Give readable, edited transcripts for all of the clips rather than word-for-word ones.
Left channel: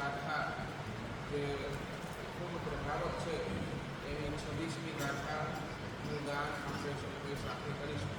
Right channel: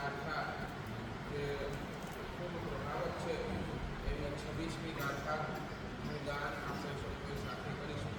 ગાથા જે ખૂબ પ્રભાવક છે એવી 26મી ગાથાનું ગાન આપણે સૌ સાથે કરીશું.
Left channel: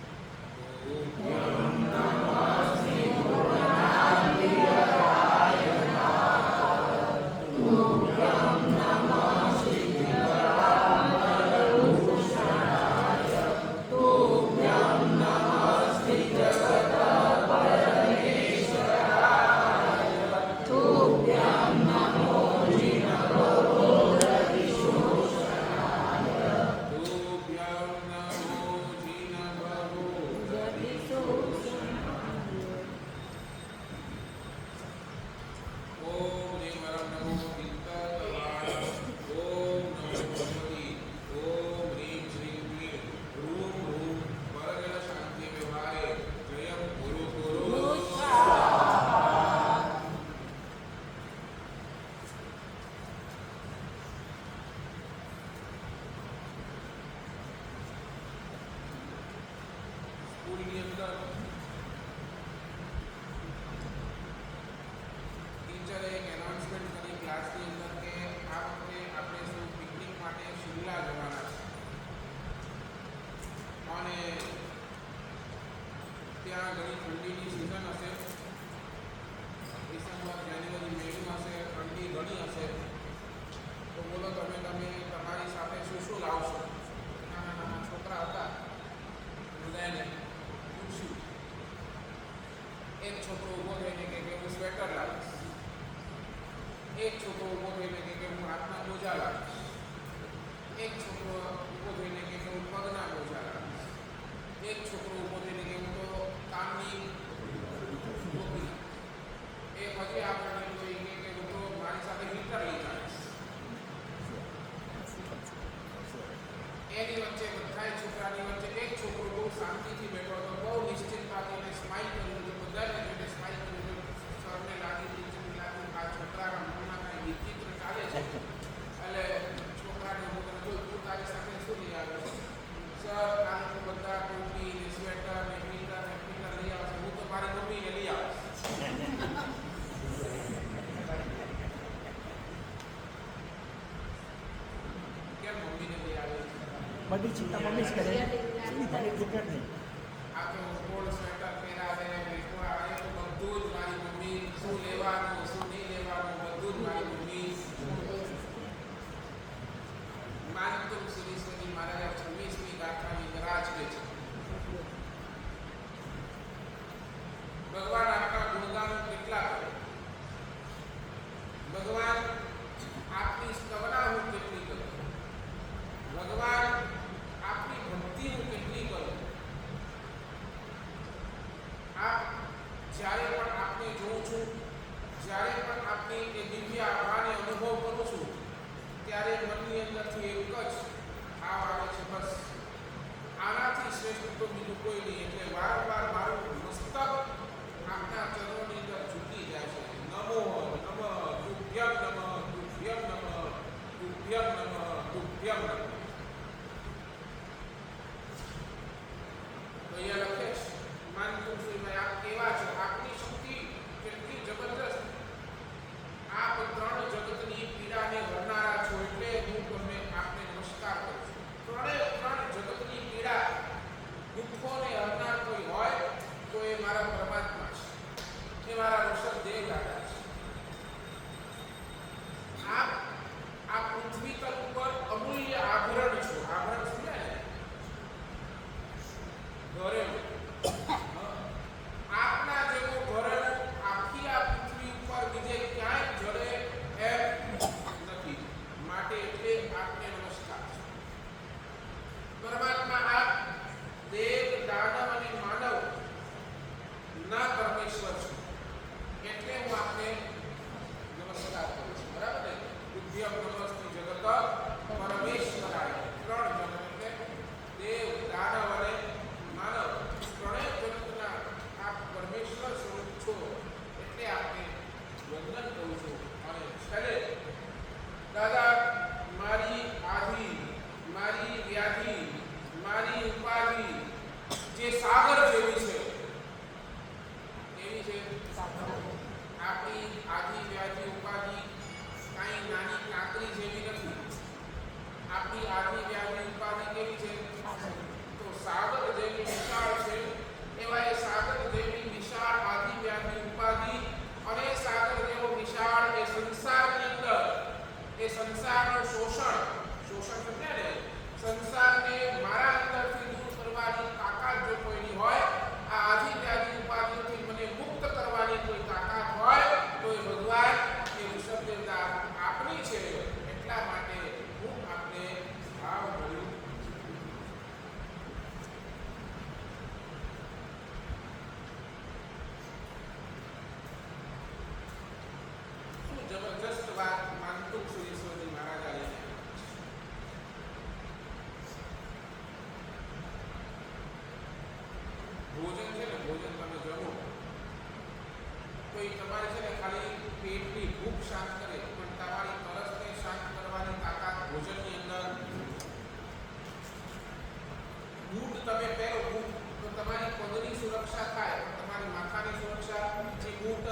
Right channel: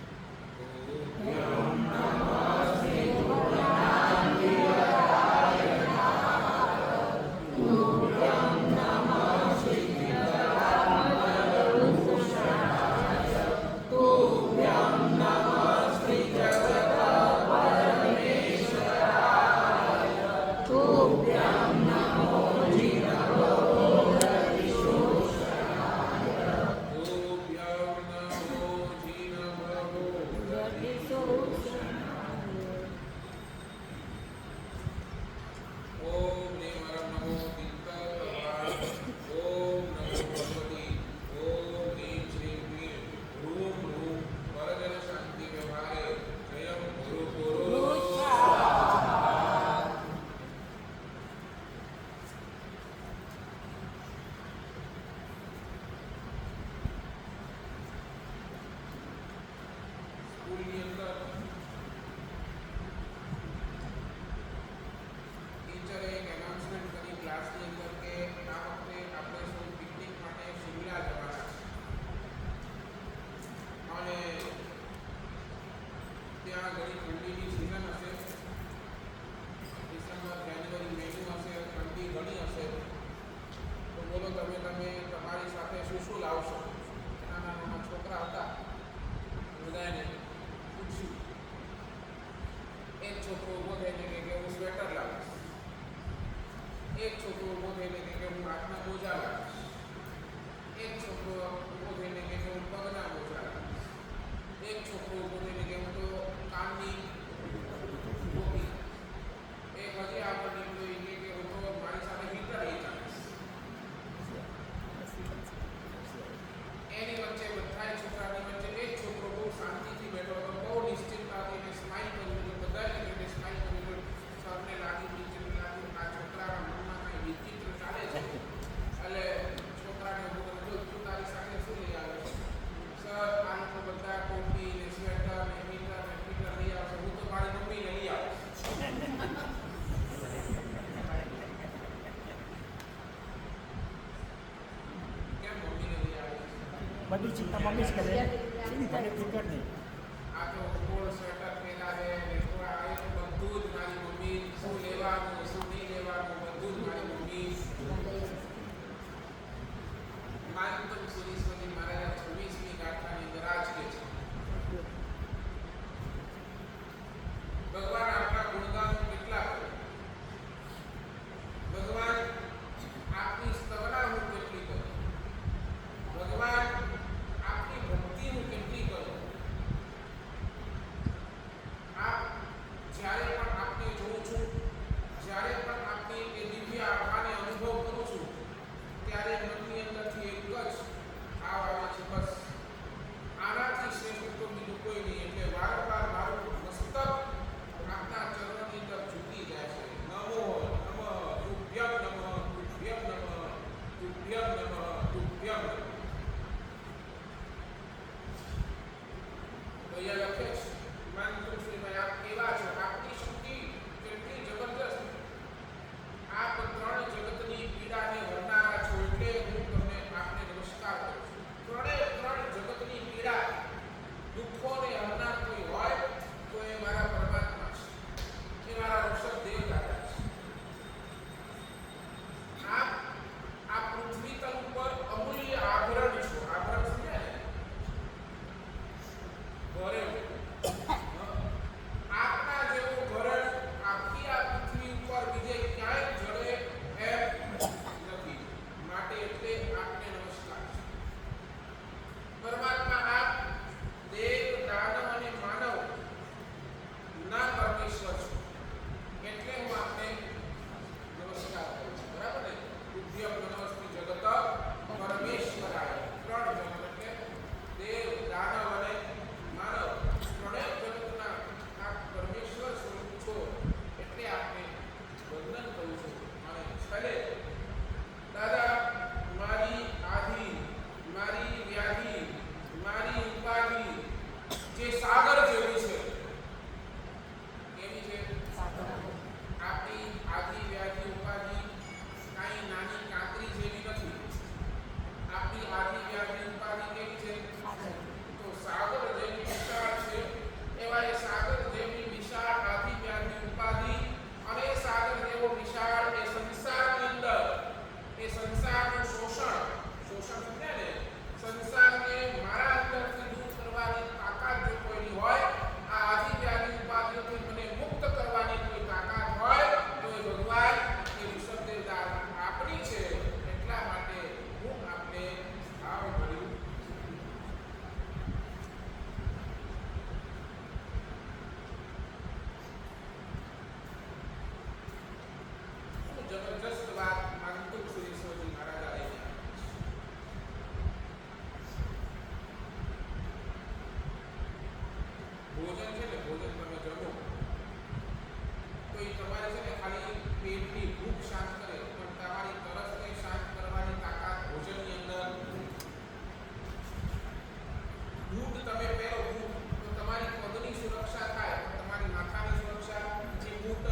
સ્કૂલની અંદર ટીચરે એક એનાઉન્સમેન્ટ કરી ક્લાસની અંદર કે આ વખતે આપણે સૌ પિકનિક માટે શિમલા જવાના છે અને ત્યાં ઘણી ઠંડીની સિઝન હશે. ડિસેમ્બર, જાન્યુઆરી, મેનું હશે, ઠંડી ઘણી હશે. તો બોલો તમે તમારી સાથે શું લાવશો? નાના નાના છોકરા હતા, બધાને પૂછ્યું. એક છોકરો ઊભો થઈને કે હું સ્વેટર લાવીશ, એક છોકરો ઊભો થઈને કે હું હાથના મોજા લાવીશ, એક છોકરો ઊભો થઈને કે હું પગના મોજા લાવીશ, એક છોકરો ઊભો થઈને કે હું તો કાનની ટોપી, એક હજી આગળ નીકળ્યો કે હું તો મારી સાથે હીટર લઈ જાવીશ. એની વચ્ચે બધા છોકરાની વચ્ચે એક છોકરો બહુ શાંતિથી બેઠો હતો, બહુ નિશ્ચિંતતાથી એને સ્માઇલ કર્યું હતું. બધાને જોઈને સ્માઇલ કર્યું હતું. સરને લાગ્યું, ટીચરને લાગ્યું આ છોકરાના મનમાં કાંઈ વિચિત્ર ચાલે છે. એટલે છોકરાને હું તને બોલ, તું તારી સાથે શું લઈ આવ્યો? સર, આ લોકો બધા ટોપી ને સ્વેટર ને હીટર ને ફીટર લઈ આવશે, હું તો મારી મમ્મીને લઈ આવીશ. કેમ મમ્મીને લઈ આવી? બધી ચિંતા મમ્મી જ કરે, મને ફિકર નહીં. આ તો કોડ સ્વેટર પહેરાવે ને એ તો બધું જ મારી મમ્મી, શું લેવાનું શું નહીં લેવાનું બધું જ મારી મમ્મી. માનતુમ સુરેશ્વરી મહારાજા 26મી ગાથાની અંદર આ જ કહે છે, ભગવાન આપના ગુણગાન કેટલા કરે, ભગવાન આપની સ્તવના હું કેટલી કરું, ભગવાન આપની ભક્તિ હું કેટલી કરું. આપ જ્યારે પણ આપને જોઉં છું, જ્યારે પણ આપની એ દિવ્ય આભાને અનુભવ કરું છું, ત્યારે મનની અંદરથી એક જ ભાવ આવે છે, બસ આનાથી શ્રેષ્ઠ તો બીજું કોઈ નહીં. એટલે વારંવાર મારું મસ્તક આપના ચરણોની અંદર ઝૂકી જાય છે. નમો નમઃ તુભ્યમ નમઃ તુભ્યમ નમઃ તુભ્યમ નમઃ તુભ્યમ નમઃ. તો અહીંયા લખે છે, માનતુમ સુરેશ્વરી આપ કેવા છો, આપની શક્તિ કેટલી જબરદસ્ત, આપ ત્રણ જગતની પીડાને હરનારા છો, એટલે હું તમને આપને નમસ્કાર કરું છું. ત્રણ જગતની પીડા દુઃખોને હરનાર કોઈ હોય તો એ મારા પરમાત્મા છે, એ મારા ઋષભદેવ દાદા છે. આપ આ પૃથ્વી તલ ઉપર અમૂલ્ય આભરણ છો. આભરણ સમજ્યા ને? ઘરે આપના જેવો ઘરણ આખી આ પૃથ્વી ઉપર બીજે ક્યાંય જડે એમ નથી, માટે એટલે આપને નમસ્કાર છે. પરમાત્મા આપ દેવ, દાનવ અને માનવ ના પરમેશ્વર છો, શાંત કરે, પણ તમારી તરસને શાંત કરવાની તાકાત ભોજનની અંદર. બૂટ તમે પહેરો બૂટ તો તમારી પગની સુરક્ષા થાય, પણ તમારી માથાની સુરક્ષા એ બૂટ.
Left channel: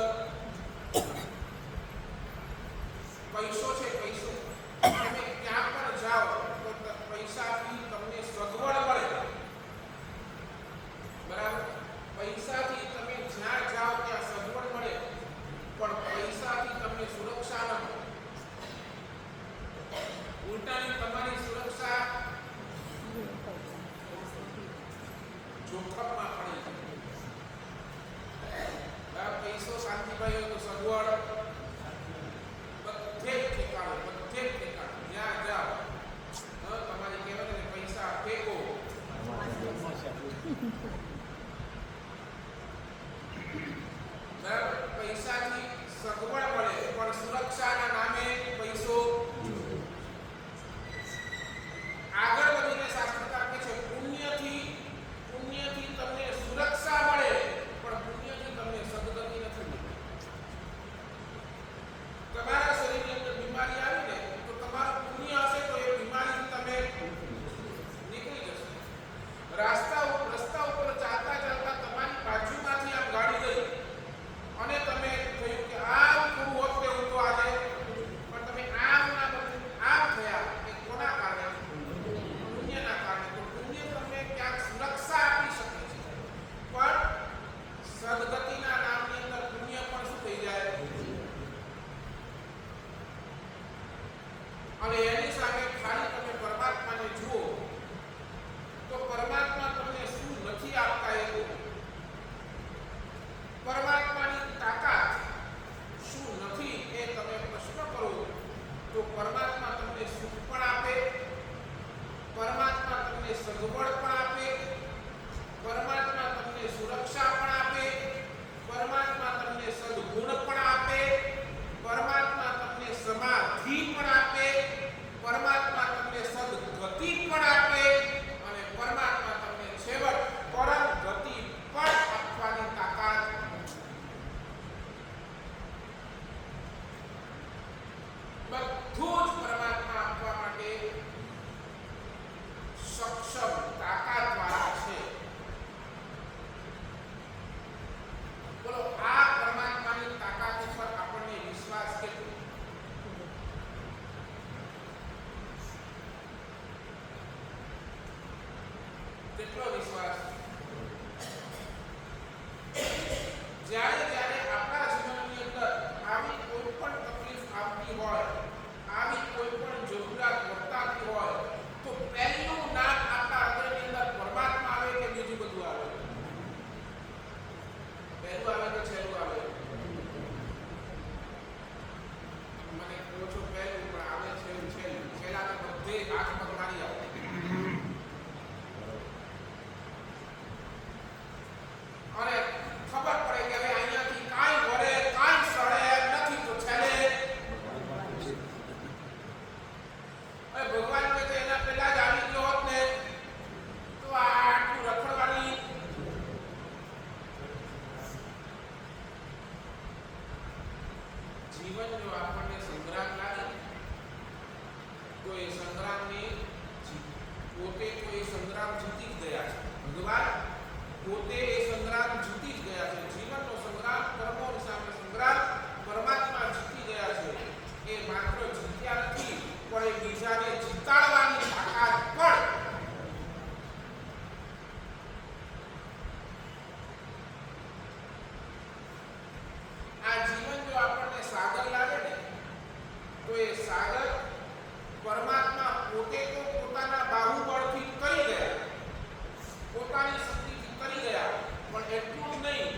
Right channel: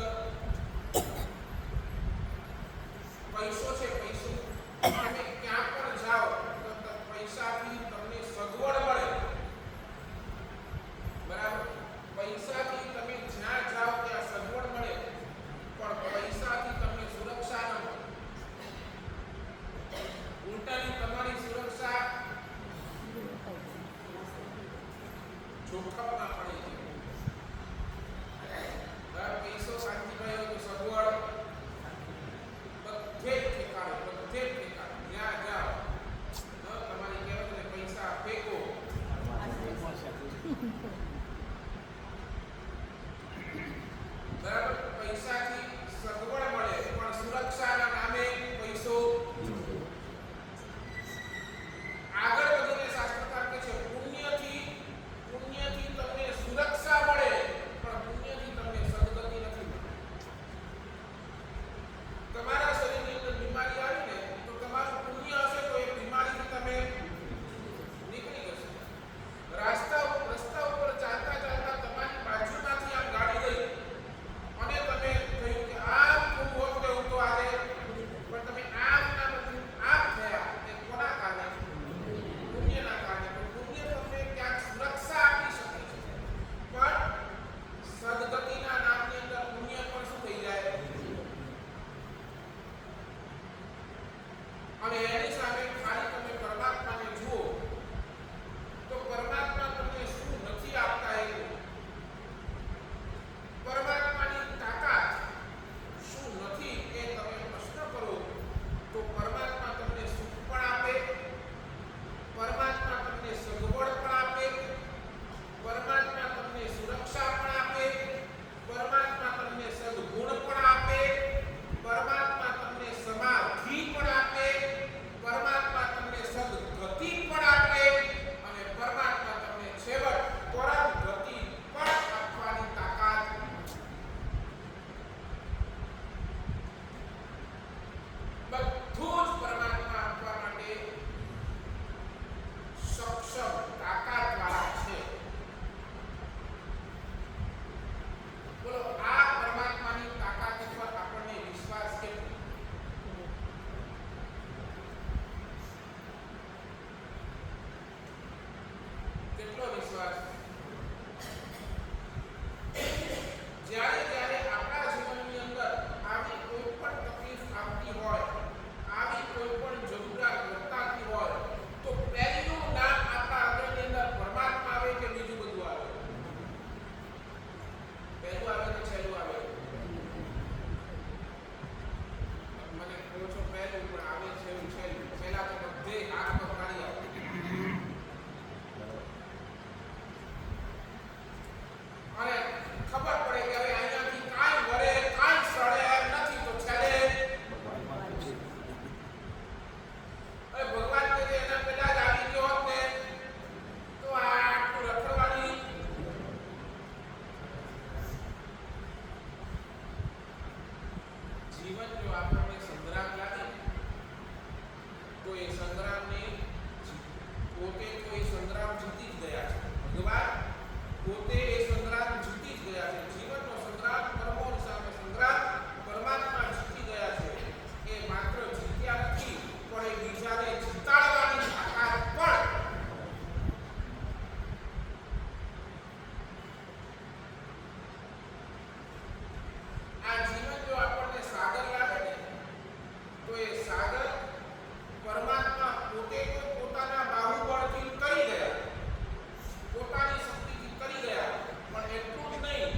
પૈસો છે, પૈસો તમે ક્યાં પણ જાઓ તો પૈસાથી તમને સગવડ મળે, બરાબર. પૈસાથી તમે જ્યાં જાઓ ત્યાં સગવડ મળે, પણ પૈસાથી તમને સુરક્ષા ન મળે. ઉલટાની તમારી સુરક્ષા જોખમમાં પડી જાય. પૈસો શાંતિભાઈ હોય તો સગવડ બધે જ ઠેકાણું, બધે જ ઠેકાણું, જ્યાં જાઓ તમારી કહેવાય ને પૈસા ફેંકો. બરાબર. પૈસાથી સગવડ મળે, પણ સુરક્ષાના નામે પૈસો. આગળ વધીને શાસ્ત્રકાર કહે છે પુણ્યથી તમને સુરક્ષા મળે, પણ પુણ્યથી તમને સદગતિ નથી મળતી. તમારા શરીરની અંદર બીમારી આવી ને તો તમારું પુણ્ય હશે તો એ બીમારીથી તમે નીકળી જશો. રસ્તા ઉપર ચાલતા તમારી બાજુમાંથી આમ ગાડી ગઈ અને તમે કહ્યું કે આમ ખૂબ હોત તેવું તો આજે, પણ તમે આમ ના બદલી આમ થયા, એ કોના કારણે? પુણ્યના કારણે. તો પુણ્ય તમને ક્યાંક સુરક્ષા આપી શકે છે, પણ સદગતિના નામની અંદર પુણ્ય પણ શું થઈ જાય? અને એની સામે ખાલી તમે પરમાત્માને જુઓ તો પરમાત્મા તમને શું નથી આપતા એ પરમાત્માની તાકાત શું નથી એ તમે પ્રશ્ન કરો તો પરમાત્મા તમને સુખ પણ આપે, પરમાત્મા તમને સગવડ પણ આપે, પરમાત્મા તમને સુરક્ષા પણ આપે, પરમાત્મા તમને સદગુણ પણ આપે, પરમાત્મા તમને સમાધિ પણ આપે, પરમાત્મા તમને સદગતિ પણ આપે, અને પરમાત્મા તમને છેવટ પરમ ગતિ પણ આપવાની તાકાત. બધું જ પરમાત્મા આપવા માટે સક્ષમ, તાકાતવાળા છે. બોલો આ પરમાત્માની તાકાત પર આપણને વિશ્વાસ કેટલો? કેટલો વિશ્વાસ? જ્યારે જ્યારે આપણા જીવનની અંદર આવી કોઈ પણ તકલીફ આવતી હોય, આવી કોઈ પણ જરૂરિયાત વર્તાતી હોય, તો પહેલું નામ આપણા હૃદયની અંદર પરમાત્મા આવે કે બીજું બધું આવે? પહેલું આવે કે છેલ્લું આવે? મને કહો છો પહેલું, પણ આવે છેલ્લું. પહેલા તો બધે હાથ પગ મારી આવો. અને ખબર પડે કે હવે અહીંયાથી કાંઈ વળે, કાંઈ સડે એમ નથી, તો છેલ્લે ભગવાન કે એના પહેલા જ આવી ગયો હોત ને તો આટલું રખડવાની. જીવન જો આપણને સંગ્રામ લાગે તો એ સંગ્રામને પોતે તો એ સંગ્રામ જીતી જ ગયા છે. ભગવાન પોતે એ સંગ્રામ જીતી જ ગયા છે. જીવનનો સંગ્રામ, કર્મોની સામે સંગ્રામ પરમાત્મા જીતી ગયા છે. એ માત્ર જીત્યા નથી, પણ એ બીજાને જીતાડવાની તાકાત પણ. આ જીવન જો આપણને સાગર લાગે ને તો એ સાગર પરમાત્મા પોતે તો પોતાના બાહુબળથી કરી ગયા, પોતાની શક્તિથી કરી ગયા, પણ એટલું જ નહીં,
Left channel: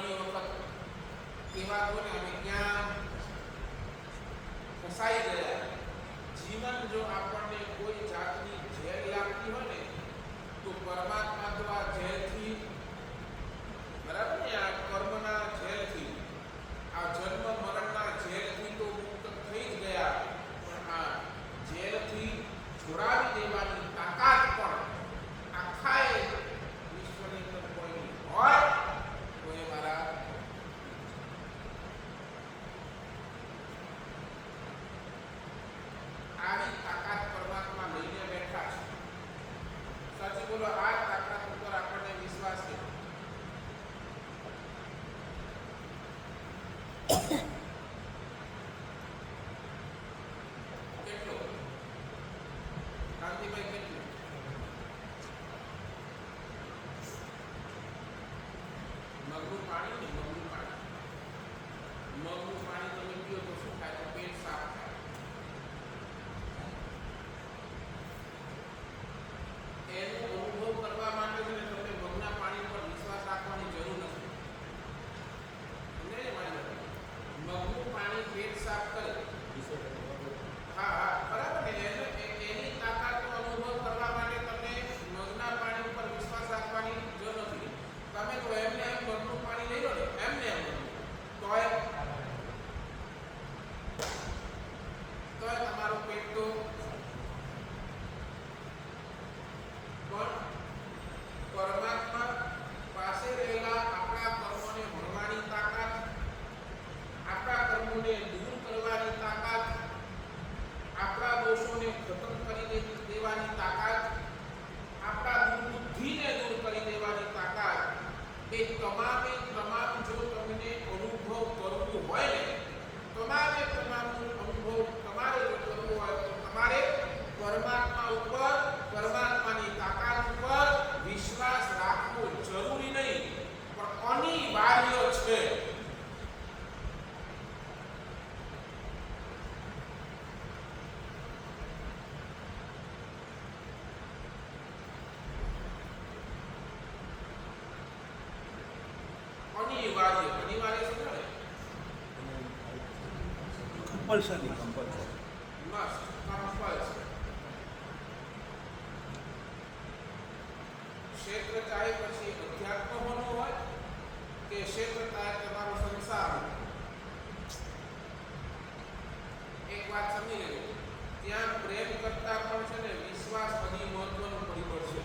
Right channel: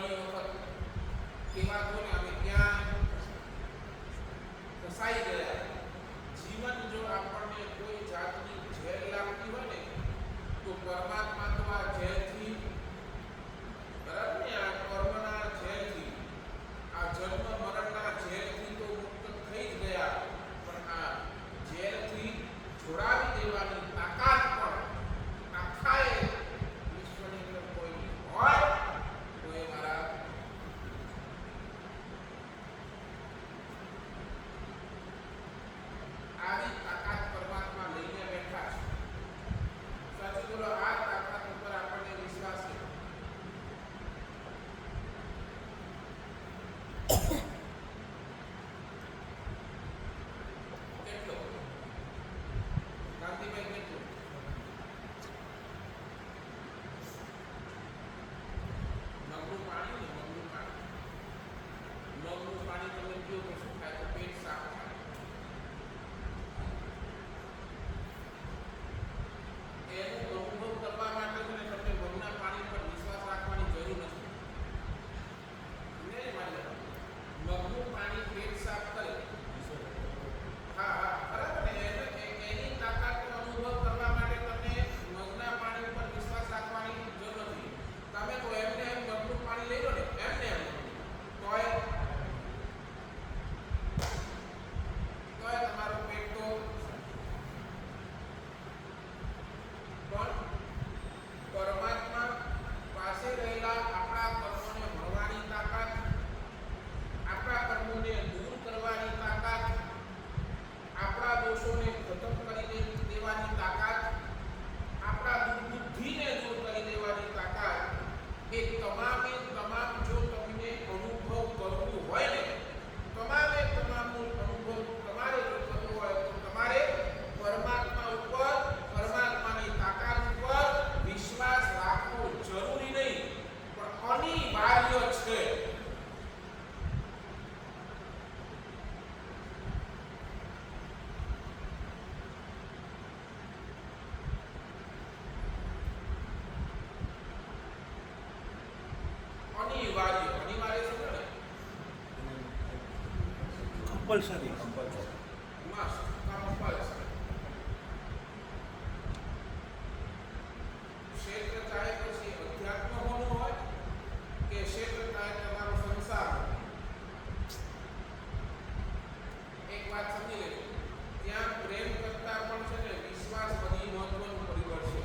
ઘણી વખત કહેવાતું ને અમે ક્યાં ફસાઈ ગયા. જીવન જો આપણને કોઈ જાતની જેલ લાગતી હોય ને તો પરમાત્મા તો આ જેલથી, બરાબર ને, આ કર્મના જેલથી, આ જન્મ મરણના જેલથી તો મુક્ત થઈ જ ગયા, પણ આ જેલથી છોડાવી દેવાની તાકાત પણ આખાએ વિશ્વની અંદર કોઈની હોય તો એ મારા આવી તાકાત પરમાત્મા લઈને બેઠા છે. સાચું બોલો, આ તાકાત ઉપર આપણને વિશ્વાસ છે. કેટલો કાંતિભાઈ, કેટલું? મગનું પાણી ને મગનું પાણી તમે પીઓ તો શું થાય? તો પેટ સાફ થાય. એનો અનુભવ કરવા માટે છે ને તમને મગના પાણી પર વિશ્વાસ રાખવાની જરૂર નથી. મગનું પાણી પેટ સાફ કરે. હા હા, બરાબર ને. એની તાકાતનો અનુભવ કરવા માટે તમને મગના પાણી ઉપર વિશ્વાસ રાખવાની જરૂર નથી. તમે તો એમને એમ મગનું પાણી લઈ લો ને, એમને એમ તોય તમારું પેટ તો પણ પરમાત્મા પાસે રહેલા આપણા કર્મોને ભણવાની તાકાત, આપણા કર્મોને દૂર કરવાની તાકાત, આપણા દોષોને ખતમ કરી દેવાની તાકાત, આપણા દુર્બુદ્ધિને દૂર કરી દેવાની તાકાત, એ તમામે તમામ જો તમને અનુભવ કરવું હોય ને, તમામે તમામનો અનુભવ તમારે જો કરવો હોય તો તમારે પરમાત્મા ઉપર, પરમાત્માની તાકાત ઉપર વિશ્વાસ રાખવો જરૂરી નહીં, પણ અનિવાર્ય છે. અનિવાર્ય સમજો ને, કમ્પલસરી. Must compulsory. ક્ષેત્ર ચાહે પછી અધ્યાત્મ હોવું હોય કે ક્ષેત્ર ચાહે તમારો સંસાર. એક વાત સમજી લેજો, ત્યાં પ્રેમ કરતા પણ છે ને વિશ્વાસ બધી મહત્વનું પરિબળ છે.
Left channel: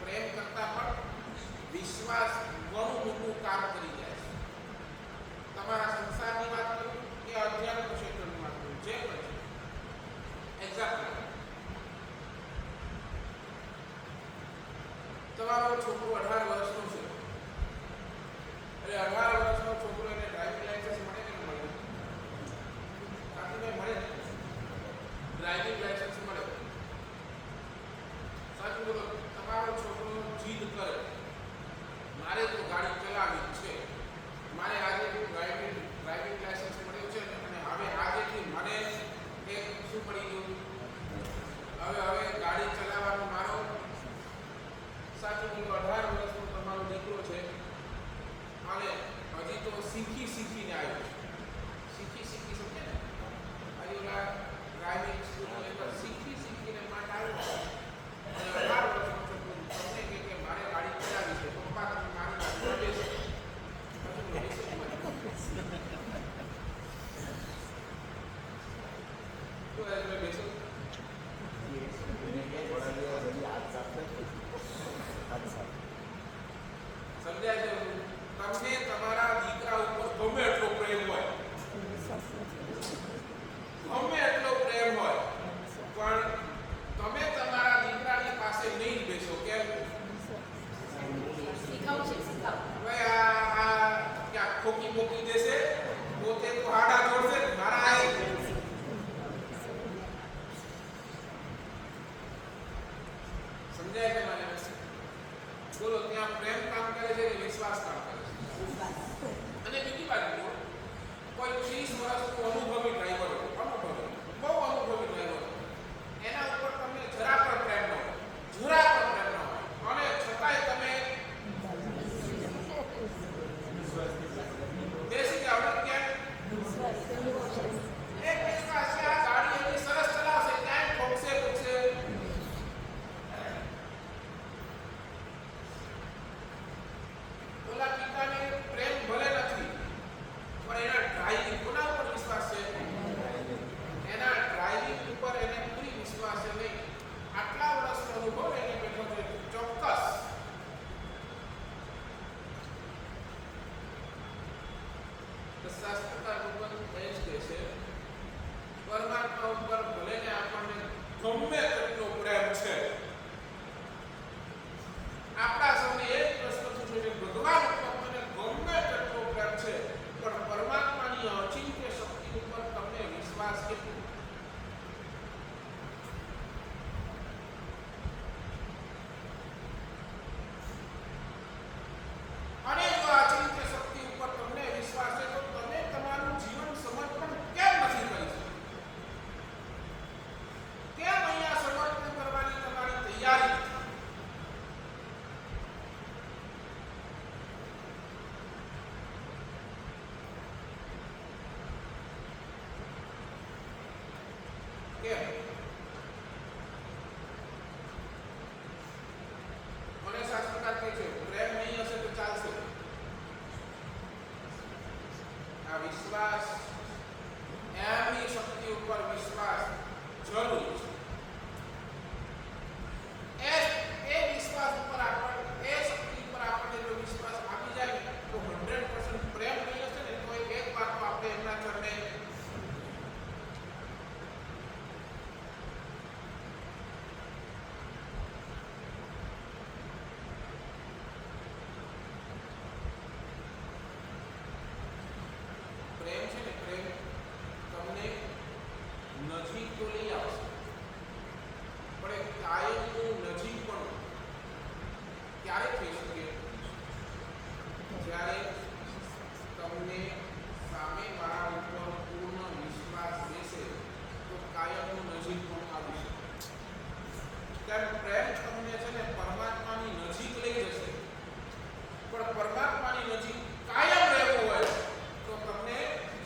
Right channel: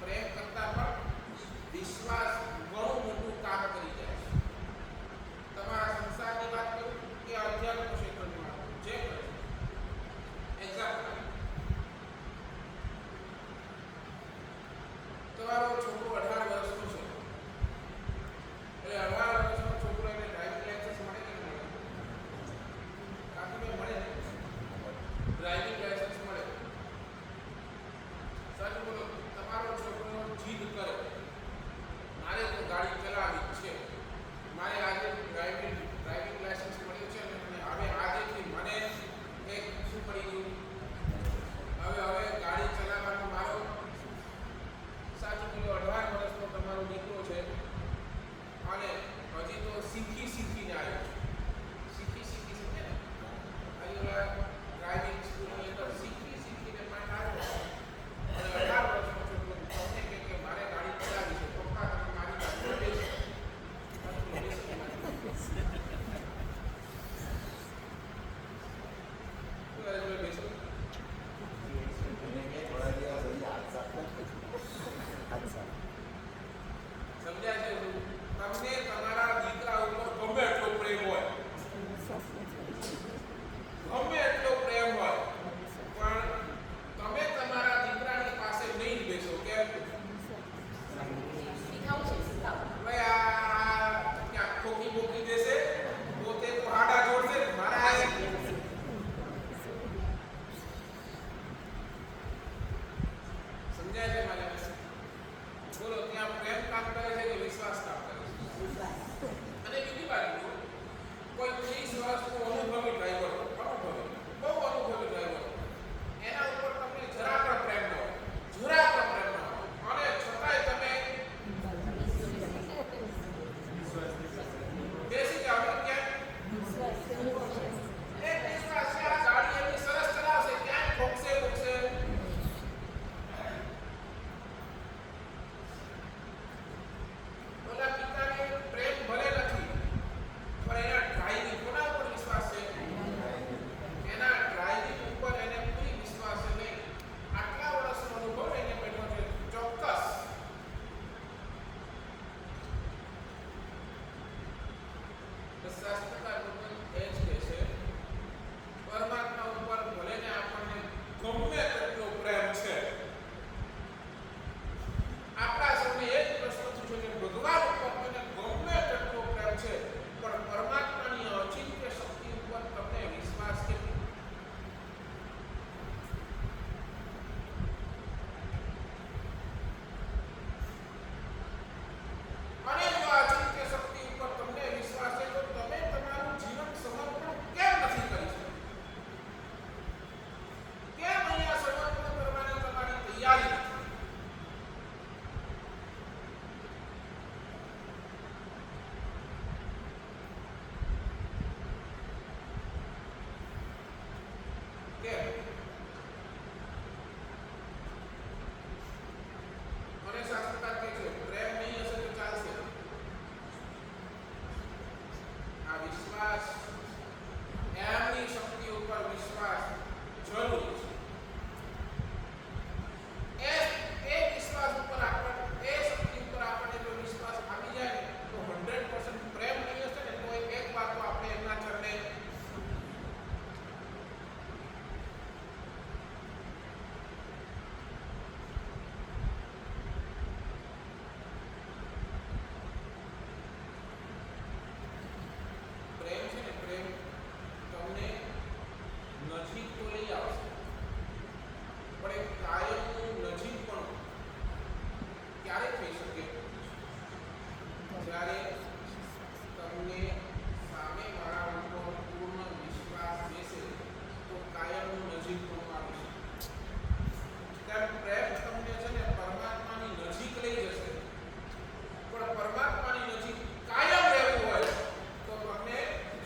પ્રેમ કરતા પણ વિશ્વાસ ઘણું મોટું કામ કરી જાય છે. તમારા સંસારની વાત કરું કે અધ્યાત્મ ક્ષેત્રની વાત કરું, જે પણ છે. એક્ઝામ્પલ, તમારો છોકરો 18 વર્ષનો છે, એટલે 18 વર્ષનો છોકરો એને ડ્રાઇવિંગ લાઇસન્સ મળે કે ન મળે? કાકીભાઈ, મળે ને? ડ્રાઇવિંગ લાઇસન્સ મળે. સાચું બોલો, તમારો છોકરો જીદ કરે, મારે તો ગાડી ચલાવવી છે, મારે આજે ડ્રાઇવિંગ લાઇસન્સ મળ્યું છે અને હવે આજેથી મને એક શું પડી ગયું, હવે ગાડી ચલાવવાનો મારો, સાચું બોલો, 18 વર્ષનો તમારો દીકરો છે અને હજી તો શીખીને આવ્યો છે. શીખી સમજે ને, આજે ઓલા ડ્રાઇવિંગ સ્કૂલની અંદર શીખીને પાઠ આવ્યો અને 18 વર્ષનો છોકરો તમને કે મારે ગાડી ચલાવી છે, પપ્પા તમે મારી ગાડી બેસો. સાચું બોલો, બેસે જ મારી બેસો. સમજાય છે? તમને તમારા દીકરા ઉપર ગમે એટલો પ્રેમ હોય, પણ તમે તમારા દીકરાની પાસે નહીં જ બેસો. કેમ? હવે આ ક્યાં ખોકી મોકી દેશે, પોતે તો હાડા જોડશે ને મારા. સમજાય છે મને? બોલો, ત્યાં પ્રેમ કામ કરે છે કે વિશ્વાસ કામ કરે છે? અને બીજી બાજુ કોઈ 30 વર્ષનો અનુભવી ડ્રાઈવર, બહુ અનુભવી ડ્રાઈવર, એના ઉપર તમને જરા પણ પ્રેમ ન હોય, અને છતાંય તમે પ્રેમ છે ને, પ્રેમ તમને નજીક તો લઈ આવશે, પણ એ કાયમનું નજીક પણ ક્યારે થઈ શકે? જ્યારે તમને સામેવાળા ઉપર પૂર્ણ વિશ્વાસ બેસે તો કાયમનું નજીક પણ આવી શકે. ત્યારે પ્રેમ તમને છે ને પરમાત્માની નજીક લઈ જશે, પણ પરમાત્માની નજીક કાયમ રહેવું હોય તો તમને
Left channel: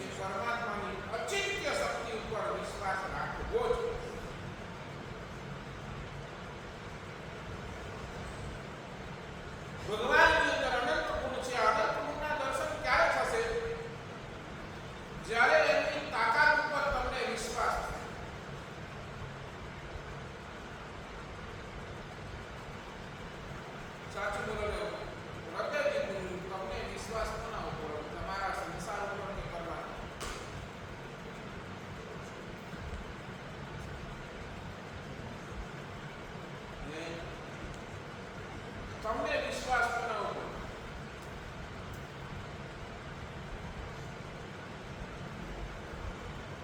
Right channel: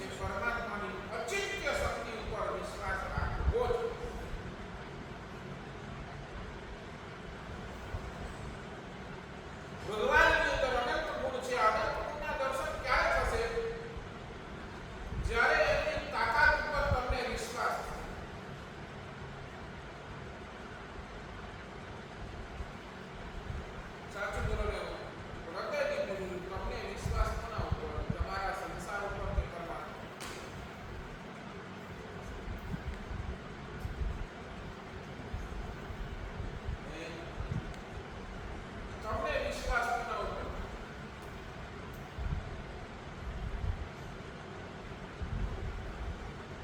એ પરમાત્માની અચિંત્ય શક્તિ ઉપર વિશ્વાસ રાખવો જ. ભગવાનની અંદર અનંત ગુણ છે. અનંત ગુણના દર્શન ક્યારે થશે? જ્યારે એમની તાકાત ઉપર તમને વિશ્વાસ છે. સાચું બોલો ને, હૃદયથી બોલું, તમને વિશ્વાસ કોના ઉપર? તમારા સંસાર ઉપર કે પરમાત્મા? તમને વિશ્વાસ કોના ઉપર?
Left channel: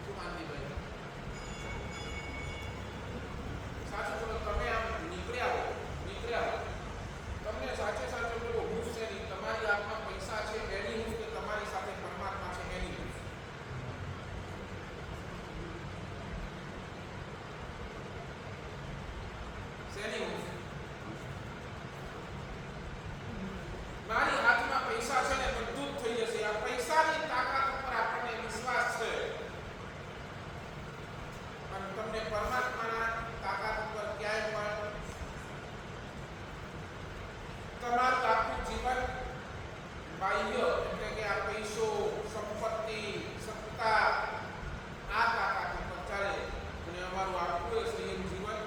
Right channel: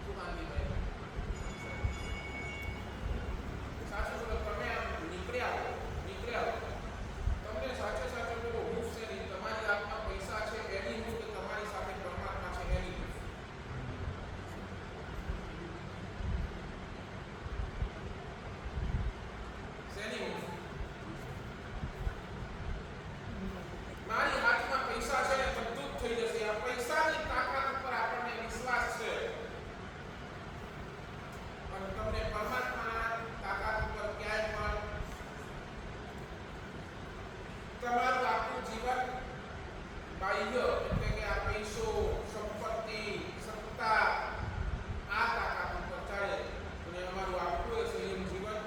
શું કાંતિભાઈ? સાચું બોલો, તમે આમ નીકળ્યા હો, તમને સાચે સાચું બોલો, હું છે નહીં, તમારી હાથમાં પૈસા છે એની હું, કે તમારી સાથે પરમાત્મા છે એની હું? શેની હું? મારી હાથમાં પૈસા છે ને બધું જ થઈ જશે. આ પૈસાની તાકાત ઉપર આપણને વિશ્વાસ છે, અને તમને પરમાત્માના તાકાત ઉપર ક્યાંય પણ તમારું આખું જીવન બાહ્ય એટલે કે આ પૈસો, સંપત્તિ, સત્તા, આ તાકાત ઉપર ચાલે, અને અમારું આખું એ સંયમ જીવન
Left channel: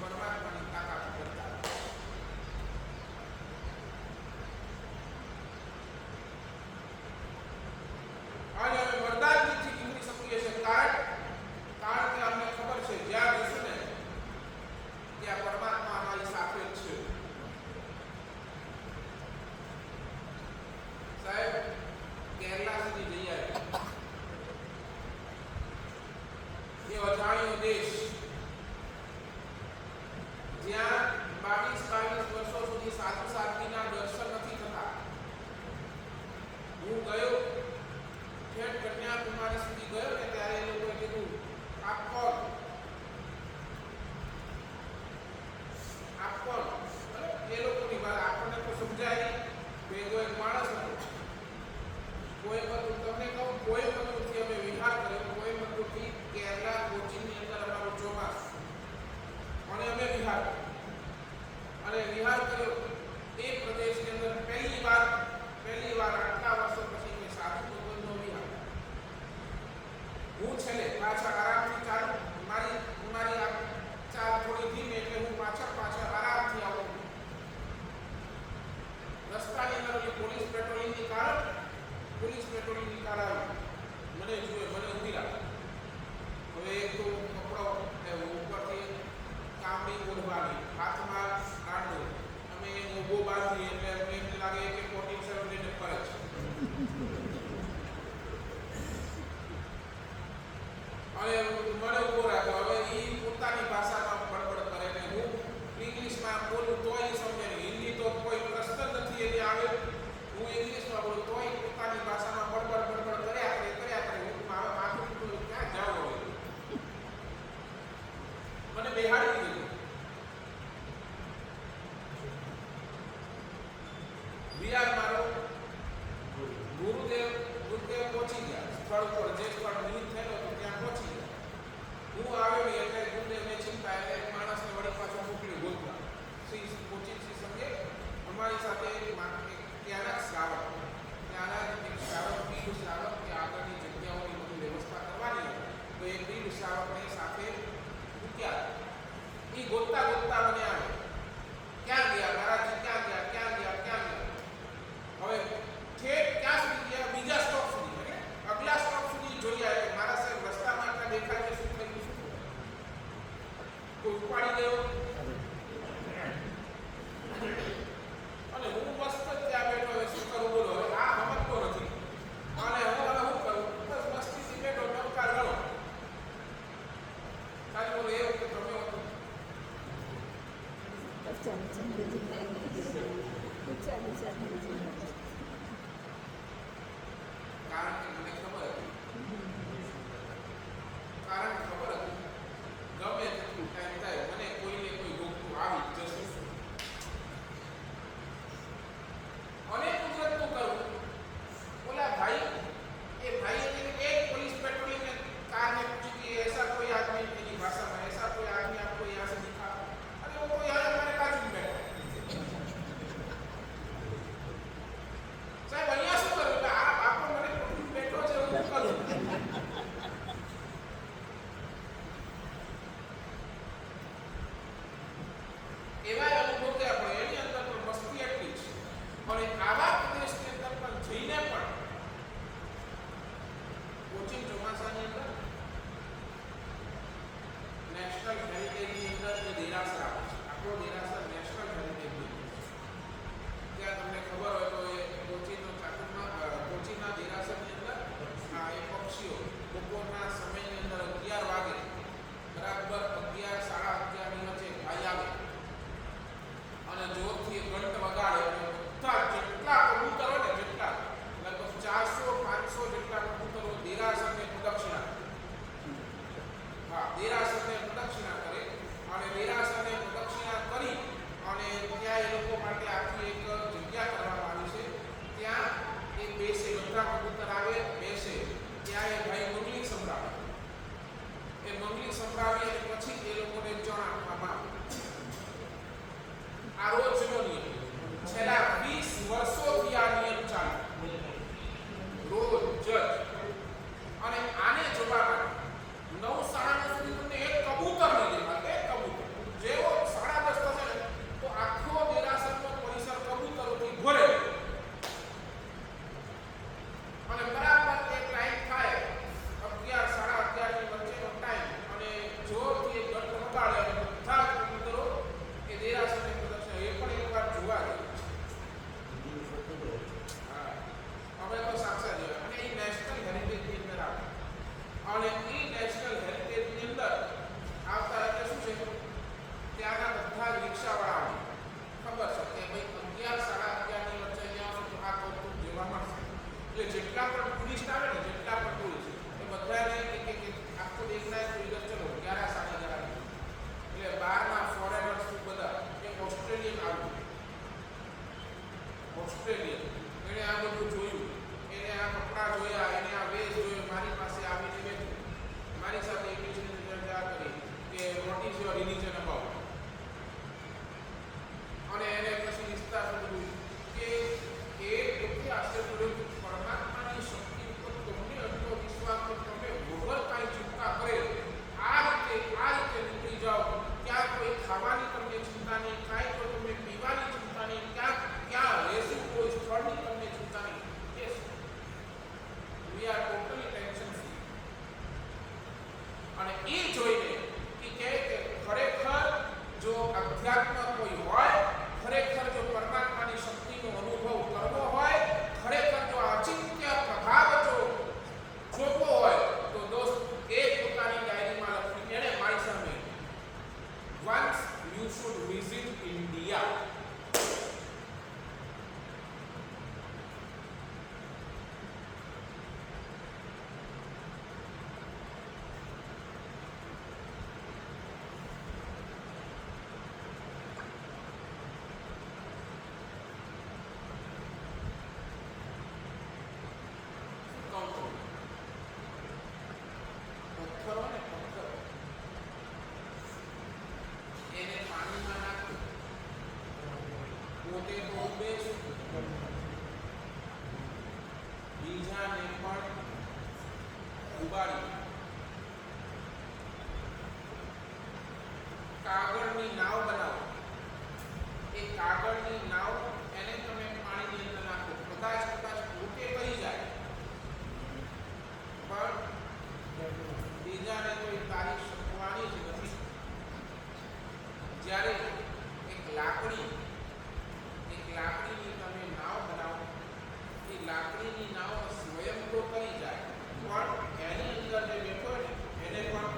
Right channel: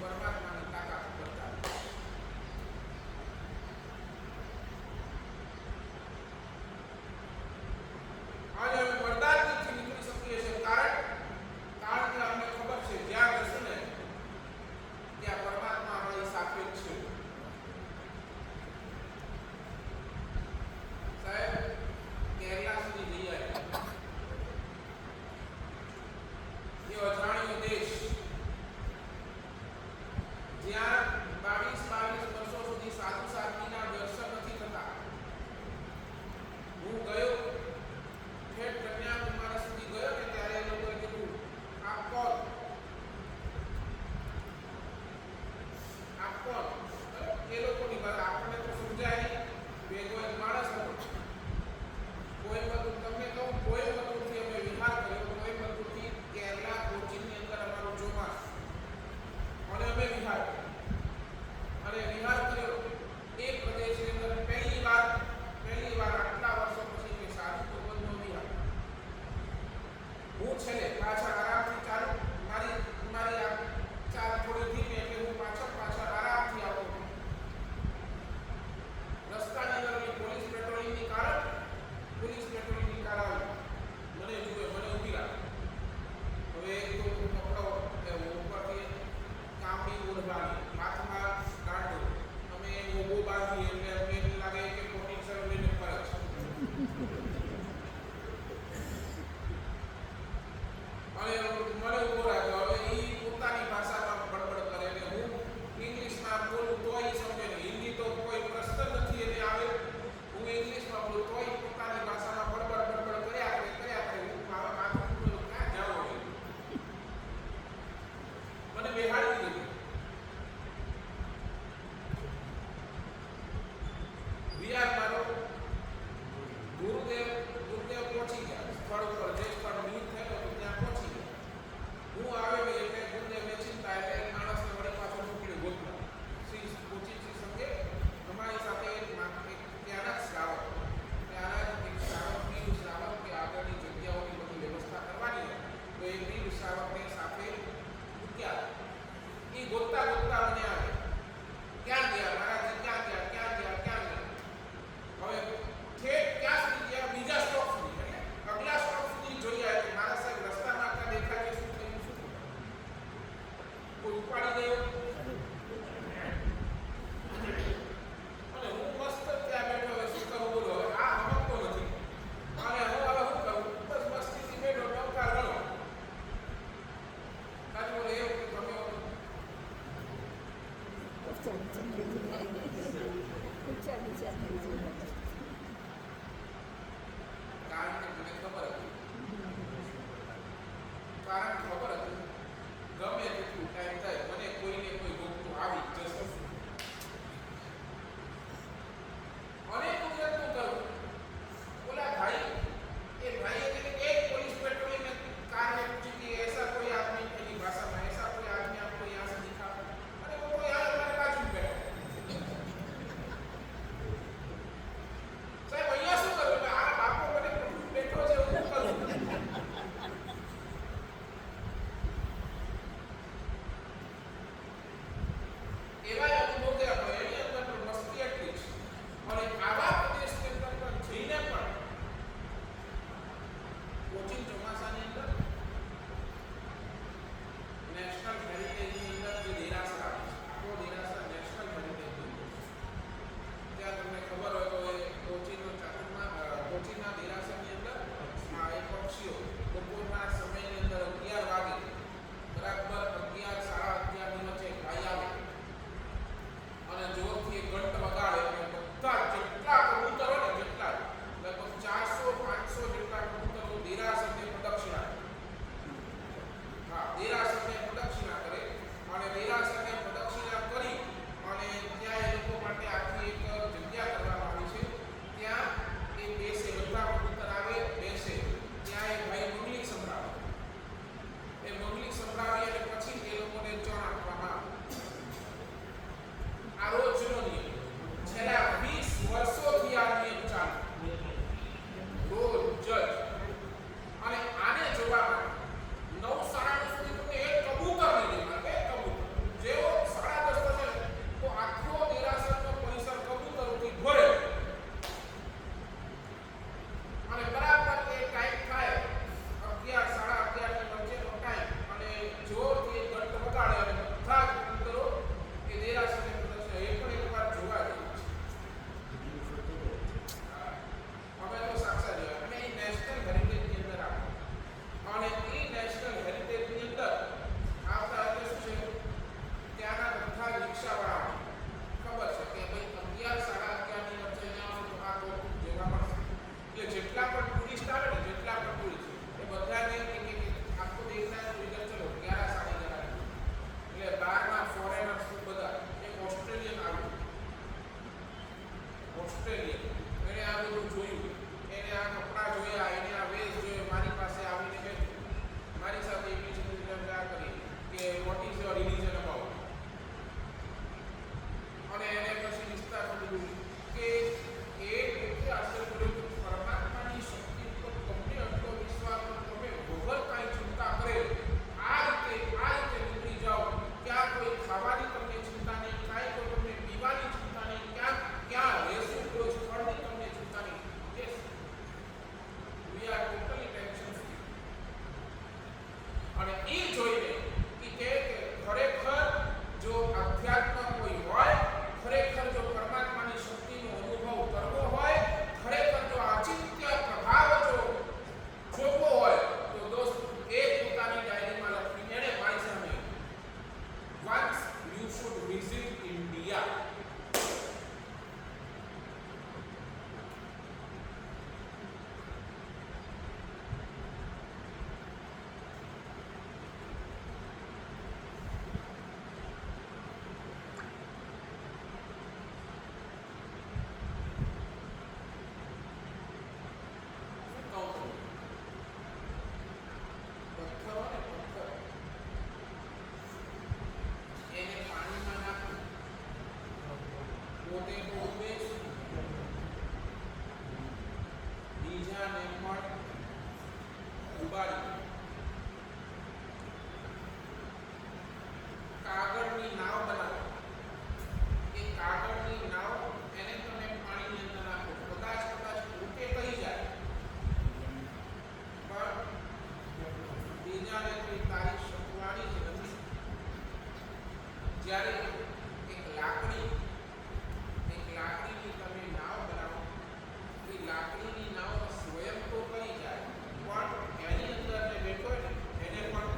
પરમાત્માની તાકાત ઉપર ચાલે. આજે અમે વરદાનથી નીકળી શકીએ છીએ, કારણ કે અમને ખબર છે જ્યાં જશું ને ત્યાં પરમાત્મા અમારી સાથે જ છે. સાહેબ, કેરલા સુધી જઈ આવ્યા. એ અજાણ્યો દેશ જ્યાં 22 વર્ષો સુધી સાધુ સાધ્વીના દર્શન નથી થતા. હું ગયો, ઠેઠ કન્યાકુમારી સુધી ગયો ને ત્યારે એ લોકોએ કીધું, આપ કોણ? એ લોકોની ભાષા આપણને તો સમજાય નહીં. ભેગો એક માણસ હતો, કોઈમ્બતુર, તમને કહું, કોઈમ્બતુરથી અમે વિહાર કર્યો. કોઈમ્બતુરથી કેરલા, કોચીનની અંદર અમારું ચોમાસું, અને અમે વિહાર કર્યો. એ પ્રદેશની અંદર પહેલી વાર આટલા વર્ષો પછી મેં સાધુ ભગવનનો વિહાર. હું છેલ્લે પાછળ આરામથી ચાલુ, મારી આ ચાલ થોડી ધીમી, એટલે હું પાછળ આરામથી આવું. રસ્તાની અંદર પોલીસ પેટ્રોલિંગની કાર આવી, મને જુએ, મને ઊભી રાખે. હવે એક તો કપડો ઉપરથી કામડી ઓઢવાની, હાથમાં દાંડો, અમે મોભો બાંધીએ એટલે અમને એમ લાગે કે 47 લઈને ફરે છે. અને મને ઉભો રાખ્યો. હવે એ પોતાની ભાષામાં બડબડ કરે ને હું ઇંગ્લિશમાં બોલું તોય સમજે નહીં. હિન્દી તો કોઈ પ્રશ્ન જ નથી એને આવે. હું ઇંગ્લિશમાં બોલું તોય પોતાની ભાષામાં બડબડ કર્યા કરે. હું માથું ક્યાં જાવ હવે? મને બેહાડી દીધું. કારણ કે મને ખબર હતી, કારણ ખબર હતી ગમે તેટલું ટાઈમ થાય મને કોઈને કોઈ ગોખતું આવી જ જશે. અને કુદરતનું કરવું બોલા ભાઈ એ ભાઈએ તેને એક पुलिस पेट्रोलिंग ने कार ने पूछी कि ऐसा कोई आदमी, मेरी भाषा में ऐसा कोई आदमी आपको यहाँ से दिखा? अरे वो तो यहाँ हमारे बाजू में बैठा है. साहब અહીંયા શું કરું? એટલે આ બાપો મને બેઠો છે હું કરું. એવા અનુભવ થયા પણ એની અંદર પણ મસ્તી એટલી છે. અને આવા પ્રદેશની અંદર પણ જઈને પણ કોચિંગ ચોમાસાની અંદર નેશનલ હેરિટેજની અંદર જે દેરાસર આવે છે, આપણો દેરાસર નેશનલ હેરિટેજની અંદર છે. ત્યાં તમને ખબર હોય તો એ કોચીના દેરાસરની અંદર એ પક્ષીઓ બપોરના સમયની અંદર 11 વાગે બરાબર 11 સાડા 11 ની વચ્ચે ભાઈ આવે અને જોરથી ઘંટ વગાડે અને બધા જેટલા કબૂતર હોય ને જેટલા લગભગ 400-500 જેટલા કબૂતરો દેરાસરને પ્રદક્ષિણા કરે. હા, દેરાસરને પ્રદક્ષિણા કરે અને દેરાસરને પ્રદક્ષિણા કરી અને ત્યાં એ લોકો માટે આખી એક જગ્યા કરવામાં આવી છે. ત્યાં એ બેસે, બધા કબૂતર આવે બેસે, ત્યાં એ ભાઈ મંગલિક સંભળાવે. એ મંગલિક સંભળાવી અને પછી એ લોકોને ચણ આપવામાં આવે. આ રોજનો નિયમ છેલ્લા 20 વર્ષોથી આ નિયમ ચાલુ રોજ જ. અને આને જોવા માટે 9:30 સુધી તમને એક કબૂતર નહીં દેખાય. એક કબૂતર જેવો 10:30 થશે ને તો આખો દેરાસરનો પરિસર કબૂતરોથી ભરેલો. અને બરાબર એ ટાઈમ થાય 11-11:30 ની વચ્ચેનો ટાઈમ અને જોરથી એ ઘંટ વગાડે અને બધા કબૂતરો એ દેરાસરને પ્રદક્ષિણા. એ પણ એકવાર જોવા જેવું છે. હા, અમે તો સાક્ષાત જોયા. અને એ નેશનલ હેરિટેજની અંદર આવે અને એ નેશનલ હેરિટેજની અંદર આવતા એટલે શું છે, ત્યાંના બધા જ રિક્ષાવાળાઓને ખબર છે કે ભાઈ 11-11:30 ની વચ્ચે અહીંયા આવશે તો આ કૌતુક જોવા મળશે. એટલે જેટલા પણ ટુરિસ્ટ આવે ને, જેટલા પણ ટુરિસ્ટ એ બધાને કે આપકો દેખના है तो इधर चलो 11-11:30. એટલે બહારના ફોરેનર્સ બધા એક ઓસ્ટ્રેલિયન આવ્યું, ઓસ્ટ્રેલિયન, એને આ બધું જોયું, એને આ કપડાં જોયા, એને આ વેશ જોયો, મારી પાસે આવીને બેઠો, મારી સાથે ઇંગ્લિશની ચર્ચા કરી કે what is your religion about. અને એને પછી વિસ્તાર સમજ્યું કે એ પોતે આશ્ચર્ય પડ્યું કે પરમાત્માની શક્તિ ઉપર તમને એટલો વિશ્વાસ તો તમે વગર કાંઈ ચિંતા કરે આ રીતે નીકળી જાઓ. ક્યાં કોઈ ખાવાની તમને ચિંતા નહીં, કાંઈ કોઈ તમને પીવાની ચિંતા નહીં, ક્યાં રહેશું કોઈ સ્થળની તમને ચિંતા નહીં. Yes, we are totally tension free. અને એ જોઈને કે ખરેખર જો અધ્યાત્મ કોઈ હોય, ખરેખર જો પરમાત્માની શક્તિનો અનુભવ કરવો હોય, ખરેખર જો અચિંત્ય પ્રભાવ જો જોવો હોય તો દોસ્ત એ પોતાની ડાયરીમાં લખી, એને મારી સામે once you should visit India. પથ્થરો ને પથ્થરો એને પાણીમાં નાખો, પોતે તો ઉભે જ, બીજાને પણ ઉબાડી. કાગળની નાવ બનાવો. એ કાગળની નાવ એને તમે પાણીની અંદર નાખો, કદાચ પોતે કહી જાય પણ બીજાને તો એ તારી શકવાની જ નથી. જ્યારે એક લાકડીની તમે નાવ બનાવો, એ લાકડીની નાવ સ્વયં તો કરી જાય પણ એની અંદર જે બેઠો હોય ને એને પણ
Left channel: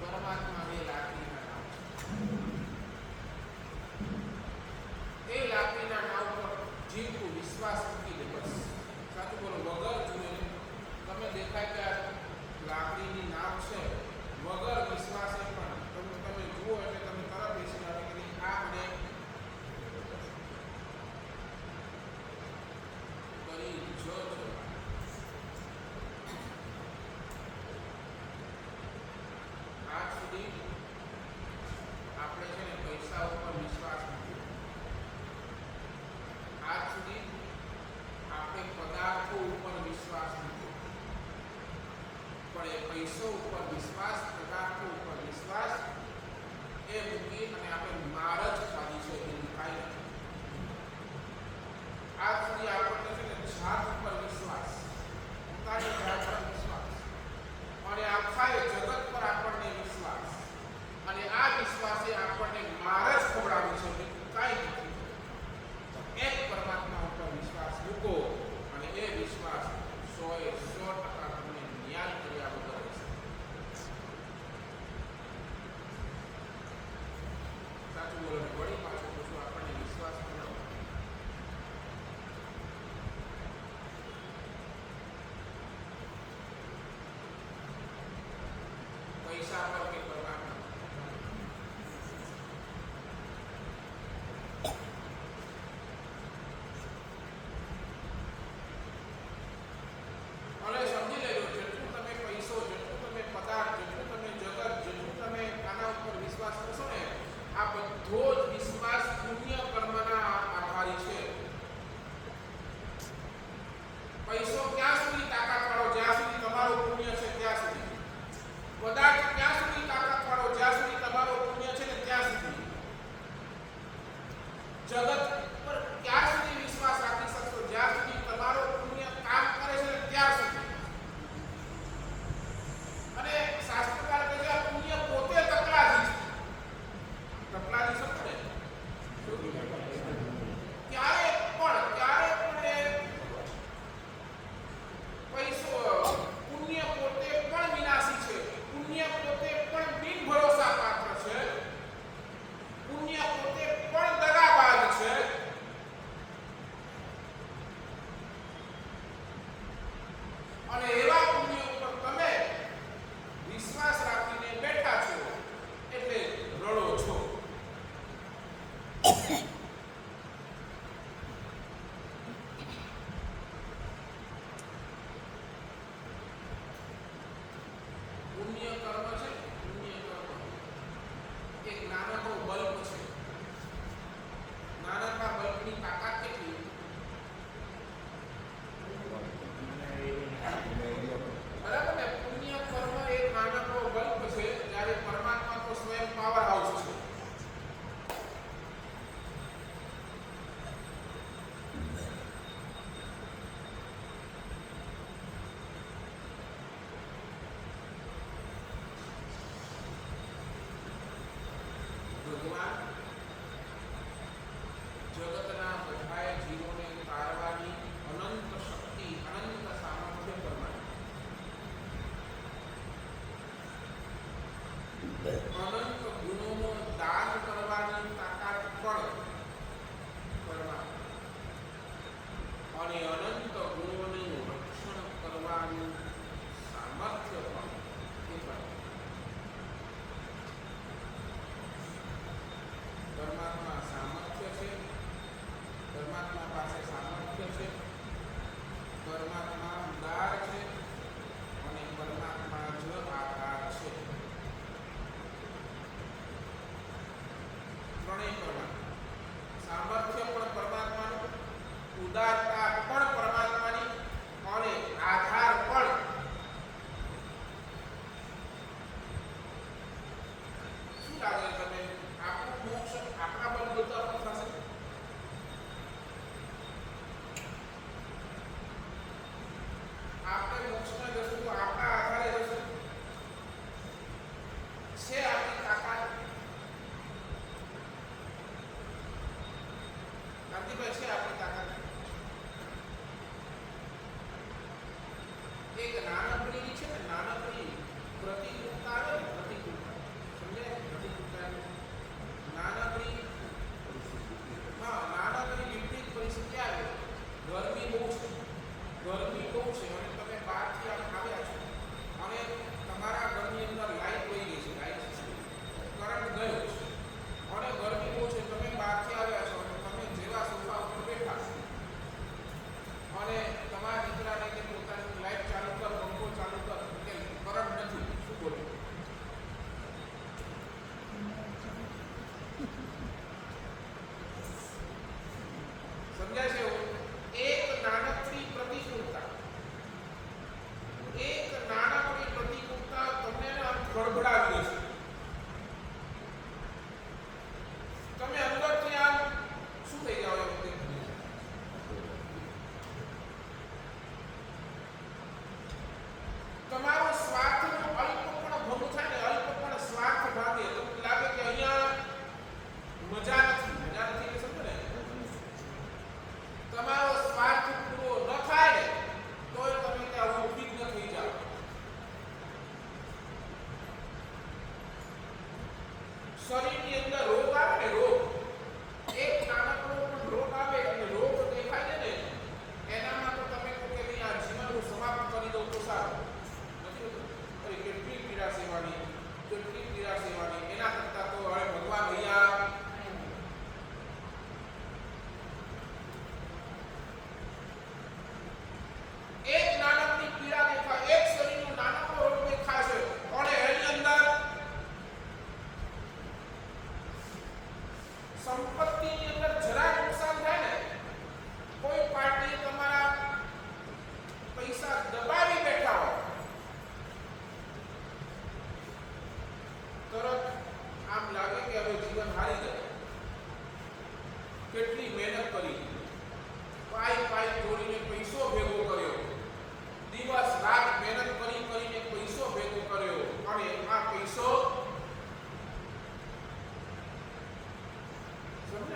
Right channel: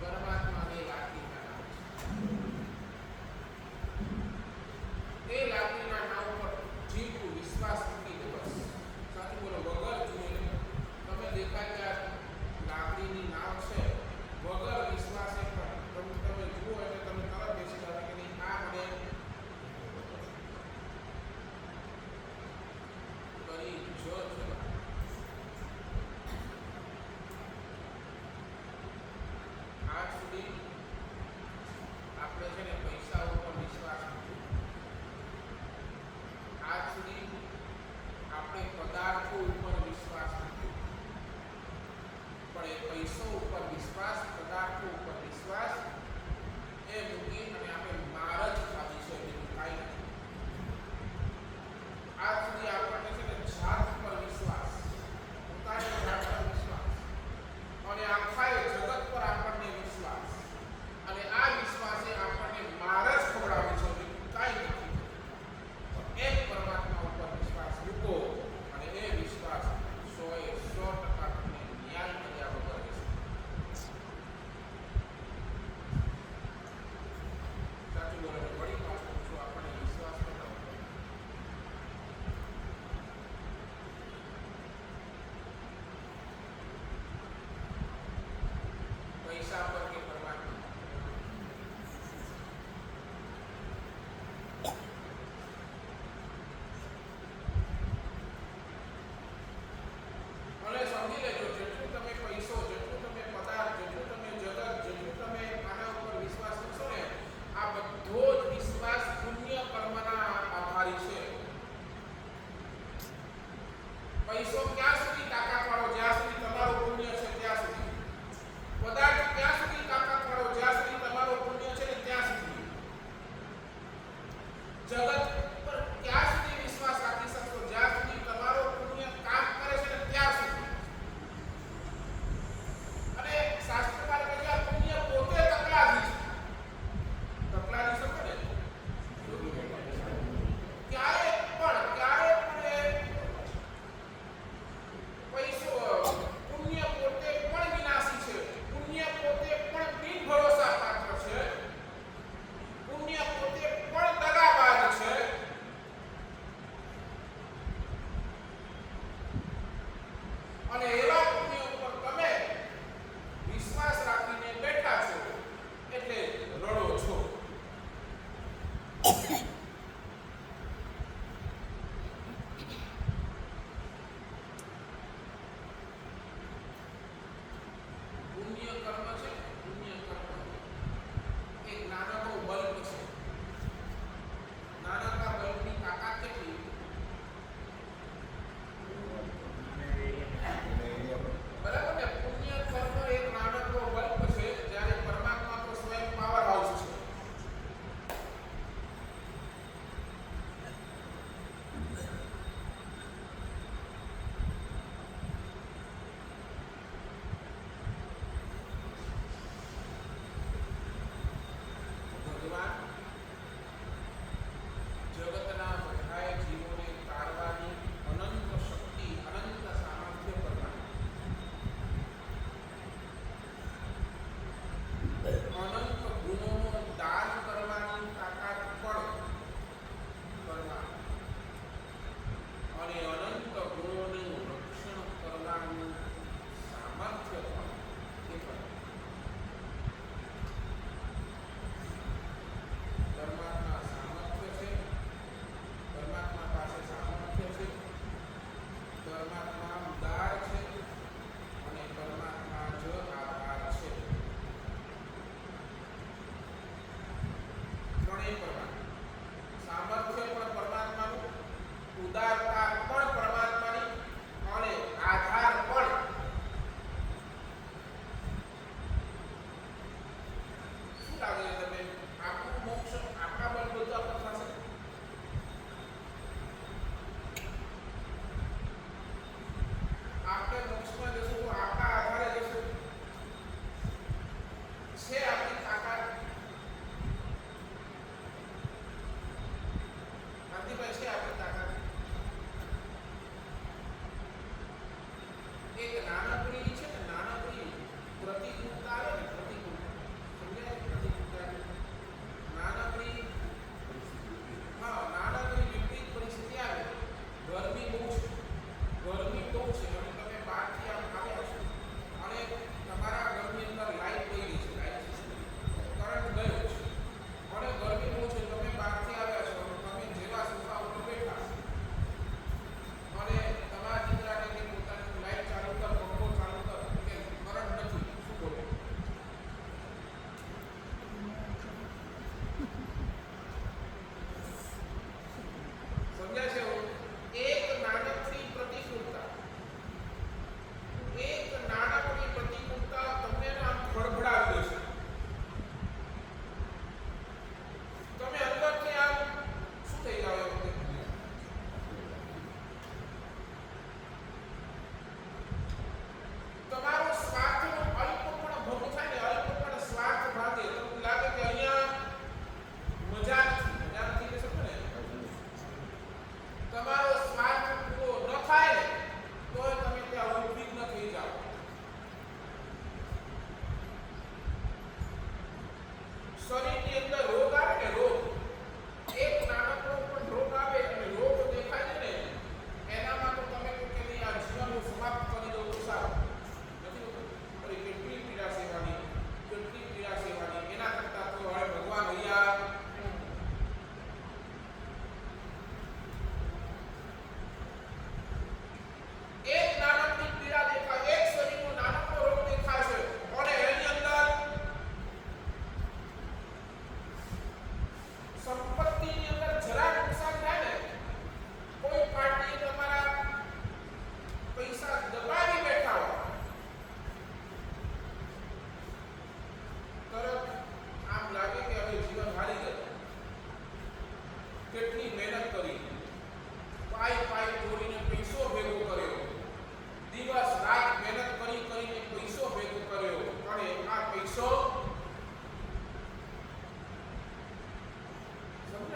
પરમાત્મા એ લાકડીના નાવ છે. વિશ્વાસ, પદાર્થો ઉપર વિશ્વાસ એ મૂકી અને આપણે માર જ ખાધી છે, બીજું કાંઈ નથી. આજ સુધી આપણને છે ને જાત પર વિશ્વાસ, પોતાની જાત પર વિશ્વાસ અને આખા જગત પર આપણને વિશ્વાસ, અને આ વિશ્વાસે આપણને માર જ ખવડાવી છે, બીજું કાંઈ નથી. એક પરમાત્મા ઉપર વિશ્વાસ મૂકો અને એ વિશ્વાસ 100% તમને ન્યાય કર્યા વગર રહેશે. સાચું બોલો ને વળી પાછું પૂછું, આપણને વિશ્વાસ કરાવો. પૈસા પર કે પરમાત્મા? અને સમજી લેજો, જેટલું તમે પૈસો, જેટલું તમે પદાર્થ, જેટલું તમે જગત, જેટલું તમે આના ઉપર વિશ્વાસ કરશો ને, આ બધો જ વિશ્વાસ પુણ્ય કર્મના આધારી છે. પૈસો ક્યાં સુધી તાકાત વાળો? જ્યાં સુધી તમારું પુણ્ય છે ત્યાં સુધી. પદાર્થ ક્યાં સુધી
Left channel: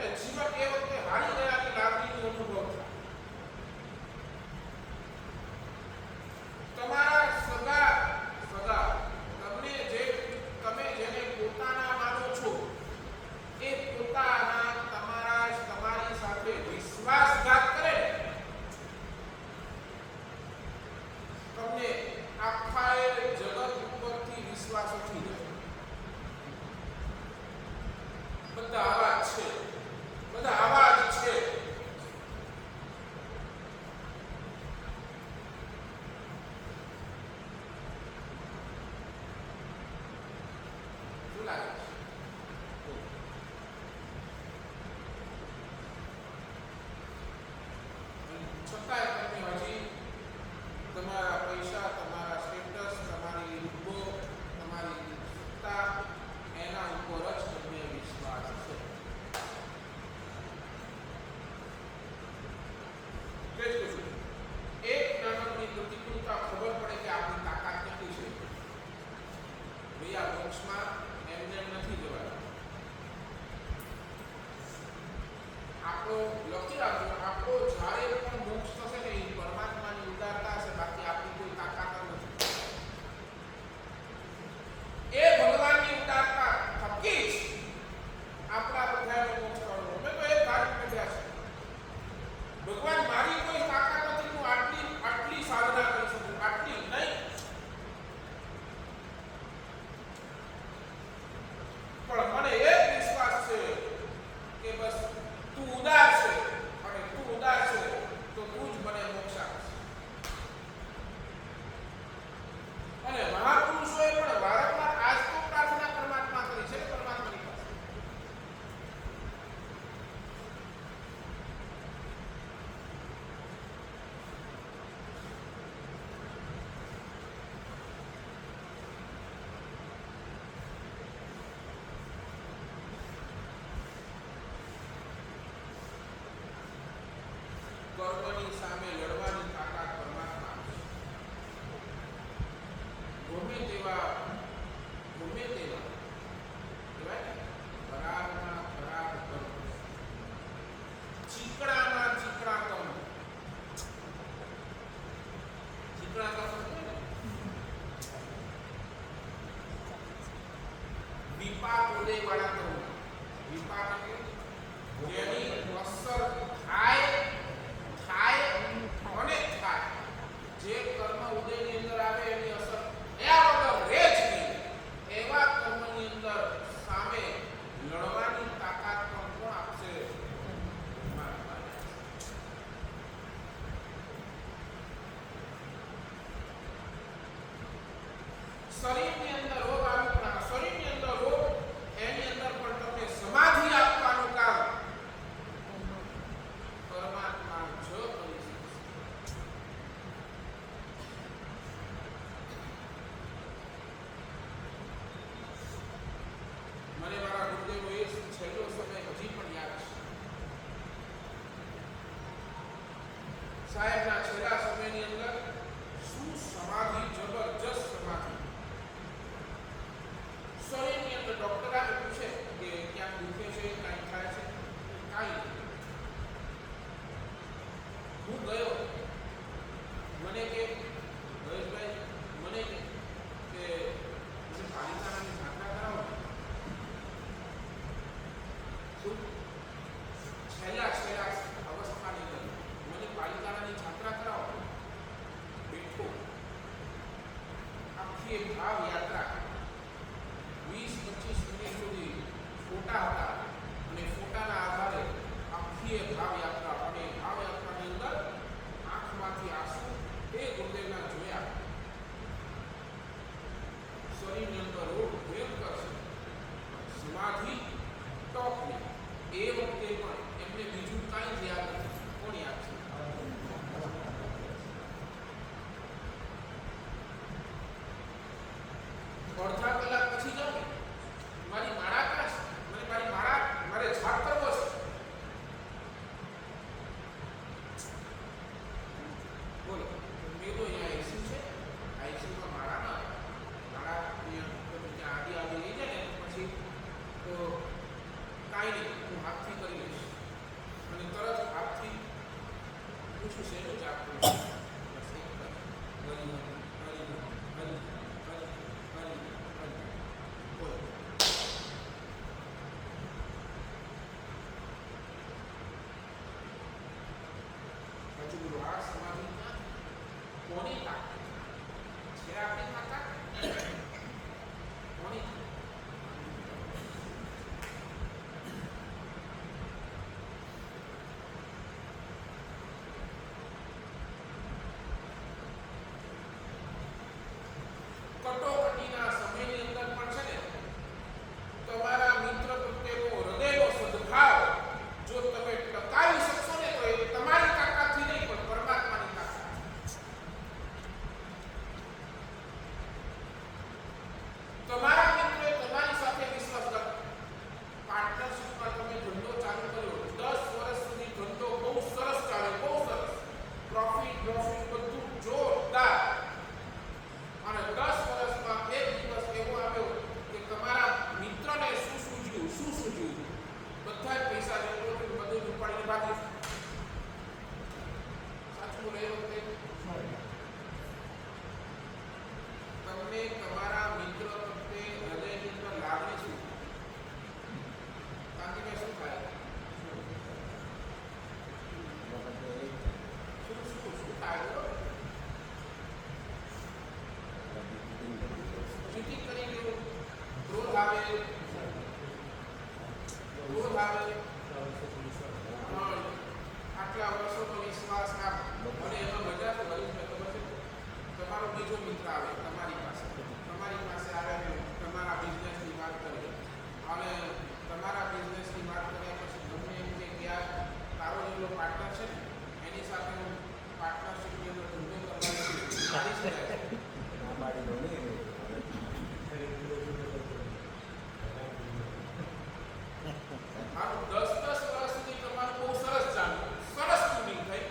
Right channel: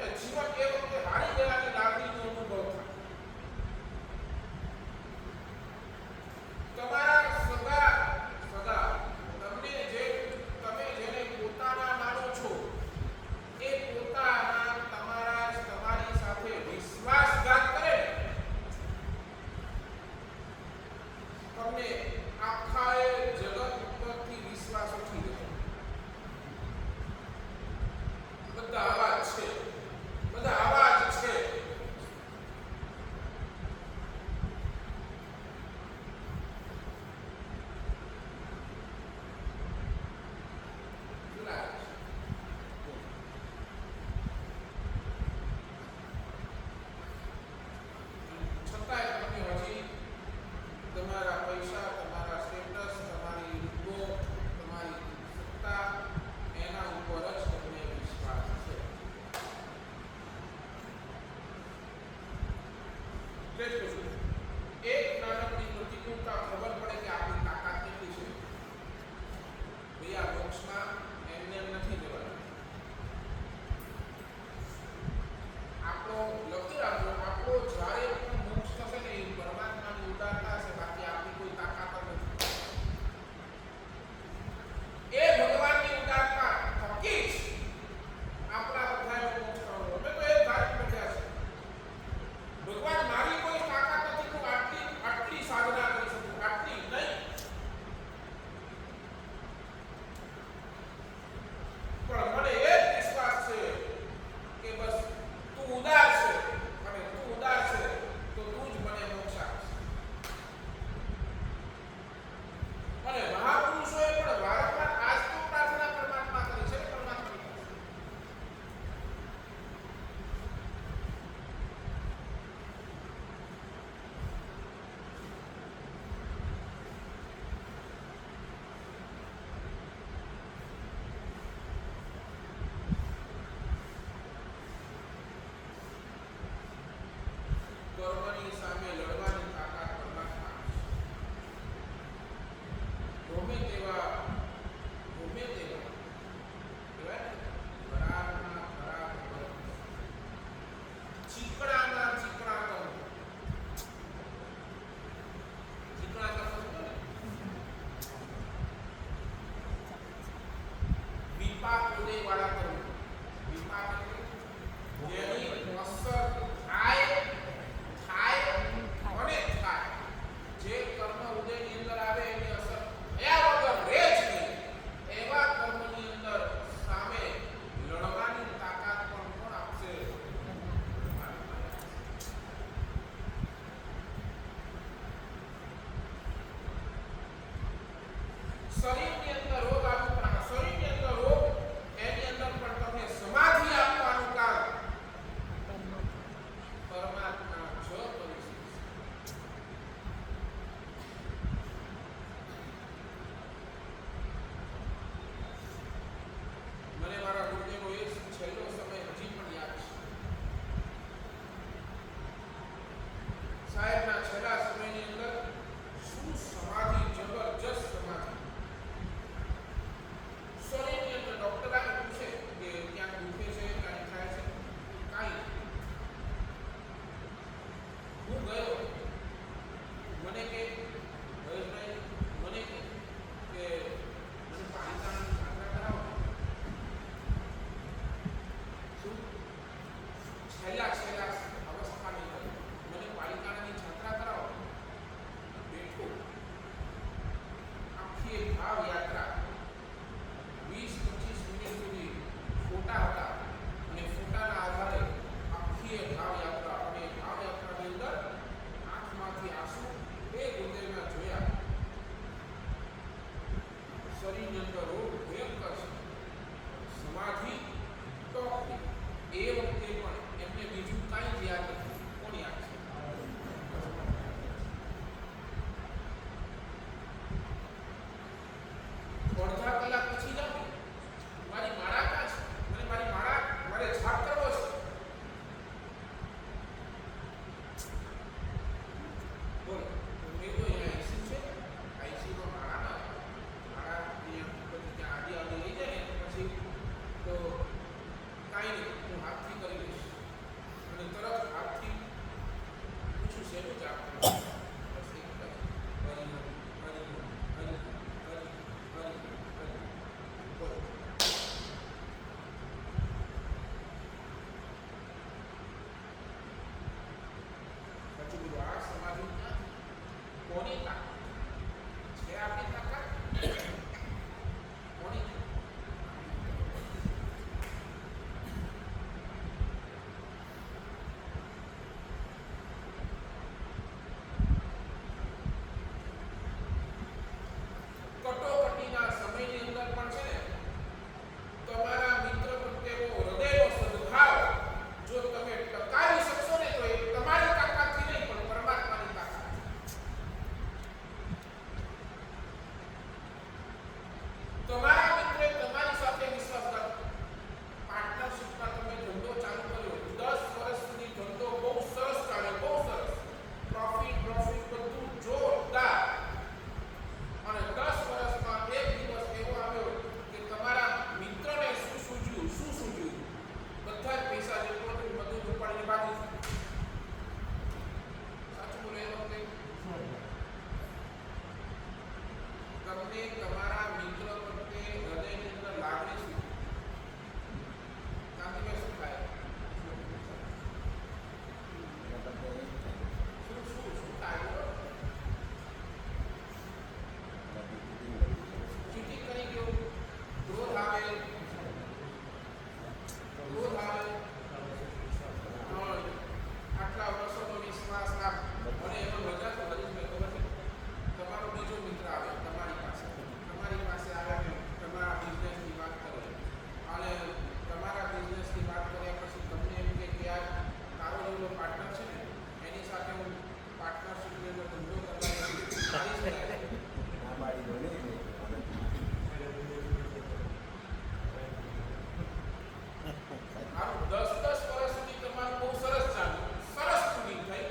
અને જીવન એ વખતે હારી ગયાની લાગણીનો અનુભવ થાય. તમારા સગા તમે જેને પોતાના માનો છો એ પોતાના તમારી સાથે વિશ્વાસઘાત કરે તમને આખા જગત ઉપરથી વિશ્વાસ ઉઠી જાય. બધા આવા જ છે. શું લાગે છે? છતાંય તમને હજી તમારા પૈસા, તમારા સ્ટેટસ, તમારી રૂપો, તમારી સત્તા એના ઉપર જ તમને વિશ્વાસ છે. એક નાનકડી પ્રતિકૂળતા ખબર પડે કે આપણી તાકાત કેટલી છે. ભાઈ આ બોક્સમાં એમને નથી જવાનું. આપણો લખી રાખજો, આપણો જ્યારે પણ મોક્ષ થશે ને એ પરમાત્માની ઉદારતા હશે, બાકી આપણી કોઈ તાકાત જ નથી. એ ભગવાનની ઉદારતા થકી જ આપણા બધાનો મોક્ષ થવાનો. અમે તો એ જ વાત કર્યા છે, ભગવાન મારી કોઈ તાકાત નથી, હું આટલી સાધના કરી શકું, આટલી નહીં. પણ મને એ વિશ્વાસ છે કે બસ તું ઉદાર છે, અને તું ઉદાર છે તો તું જ મને મોક્ષ આપીશ. અને મહાપુરુષોએ પણ વારંવાર આજ તો પ્રાર્થના પરમાત્મા કરી છે, પરમાત્માની પાસે. કર્મની સામે લડવાની તાકાત પરમાત્મા આપશે. ગમે તેવા કહેવાય ને, ખરાબમાં ખરાબ કર્મ, ચીકણામાં ચીકણા કર્મ. ચીકણા કર્મ સમજો ને, વિપાક ઉદય વાળા કર્મ. વિપાક એટલે જેની અસર થાય અને થાય. જે કર્મ ઉદયની અંદર આવે એની અસર થયા વગર રહે જ નહીં, એવા કર્મની અંદર સામે લડવાની તાકાત પણ કોણ આપશે? શરીરની અંદર રોગ આવે, પણ શરીરની અંદર રોગ એની અંદર પણ તમને સમાધિ આપવાનું કામ પરમાત્મા જ કરી શકે. મને મારા ગુરુદેવનો એ છેલ્લો સમય હજી પણ યાદ છે. સાહેબના છેલ્લા સમયની અંદર શું સમાધિ, જબરજસ્ત સમાધિ. શરીરની અંદર ડોક્ટર આવે પૂછે કે ક્યાંક દુખે છે, ક્યાંક થાય છે, કાંઈ નહીં. હું ગયો, મને કે મહેશભાઈ મને કે મને પાલિતાણાની જાત્રા કરાવો. શું છેલ્લા અવસ્થાની અંદર મને પાલિતાણાની જાત્રા કરાવો. બેઠો, આખી ભાવ યાત્રા 20-25 મિનિટ સુધી ફોટા હતા, અને ફોટાના આધારે આખી ભાવ યાત્રા, અને ભાવ યાત્રાની અંદર આંખમાંથી આંસુ એ ગુરુદેવના જોયા. શરીરની અંદર રોગ ભયંકર છે, સમાધિ ટોપની. એ વખતે પણ એમને બીજું કાંઈ જ યાદ નથી. કોણ યાદ છે? અડધા કલાક પછી જાઉં, મારી માળા કાં છે? મને મારી માળા, મારે છાપ કરવો છે. બોલો, મેં તો અહીંયા આઈસીયુ છે, આઈસીયુમાં માળા ના આવે. માળા અહીંયા પછી ત્યાં આડી લઈ જાય ને પછી તો કાંઈ નહીં, હું હાથથી કરી લઈશ. અને તરત હાથથી પૂછ્યું શેનું જાપ કરો છો? બસ એક જ હરિ હરિ હરિ હરિ હરિ હરિ હરિ બોલો. પછી બોલો આ સમાધિ ક્યાંથી? કોની તાકાત છે? આપણી તાકાત? કોની તાકાત? કટોકટીના સમયની અંદર પણ છે ને તમારા મિત્ર પ્રત્યેનો હૃદયનો સદભાવ જો તમે ટકાવી શકશો ને તો એ તમારી તાકાતથી નહીં પણ પરમાત્માની તાકાત. તમારા મિત્રોએ તમારી સાથે વિશ્વાસઘાત પાર્ટનરશિપમાં તમે ધંધો ચાલુ કર્યો 10 વર્ષ સુધી ધંધો બહુ સરસ ચાલ્યો, બહુ સરસ પ્રોફિટ બધું જોરદાર. અને 10 વર્ષમાં એક દિવસ એવો આવ્યો કે તમારા મિત્રને શું સૂજ્યું બધા જ પૈસા જેટલો હતો બધું જ ઉપાડીને ભાગી. સાચું બોલે એ વખતે તમને તમારા મિત્ર પ્રત્યે હૃદયની અંદર લાગણી શું? કાંતિભાઈ શું થાય? શું થાય બોલો? ચીટિંગ કરી ગયો, ક્રોધ આવે, આટલા વર્ષોનો વિશ્વાસ આપ અને એમાં મજા તો હરીશભાઈ ખબર છે તમારો બીજો મિત્ર આવે તમારી પાસે આવે ને તમારા બિઝનેસની વાત કરે અને તમારા બિઝનેસની વાત કર્યા પછી તમને એમ કે આ તારો જેવો પાર્ટનર છે ને એની સાથે હું પાર્ટનરશિપની અંદર ધંધો કરવાની સારી છે. હારું 10 વર્ષ સુધી તમારું બહુ સરસ ચાલ્યું, સરસ ટ્યુનિંગ થઈ.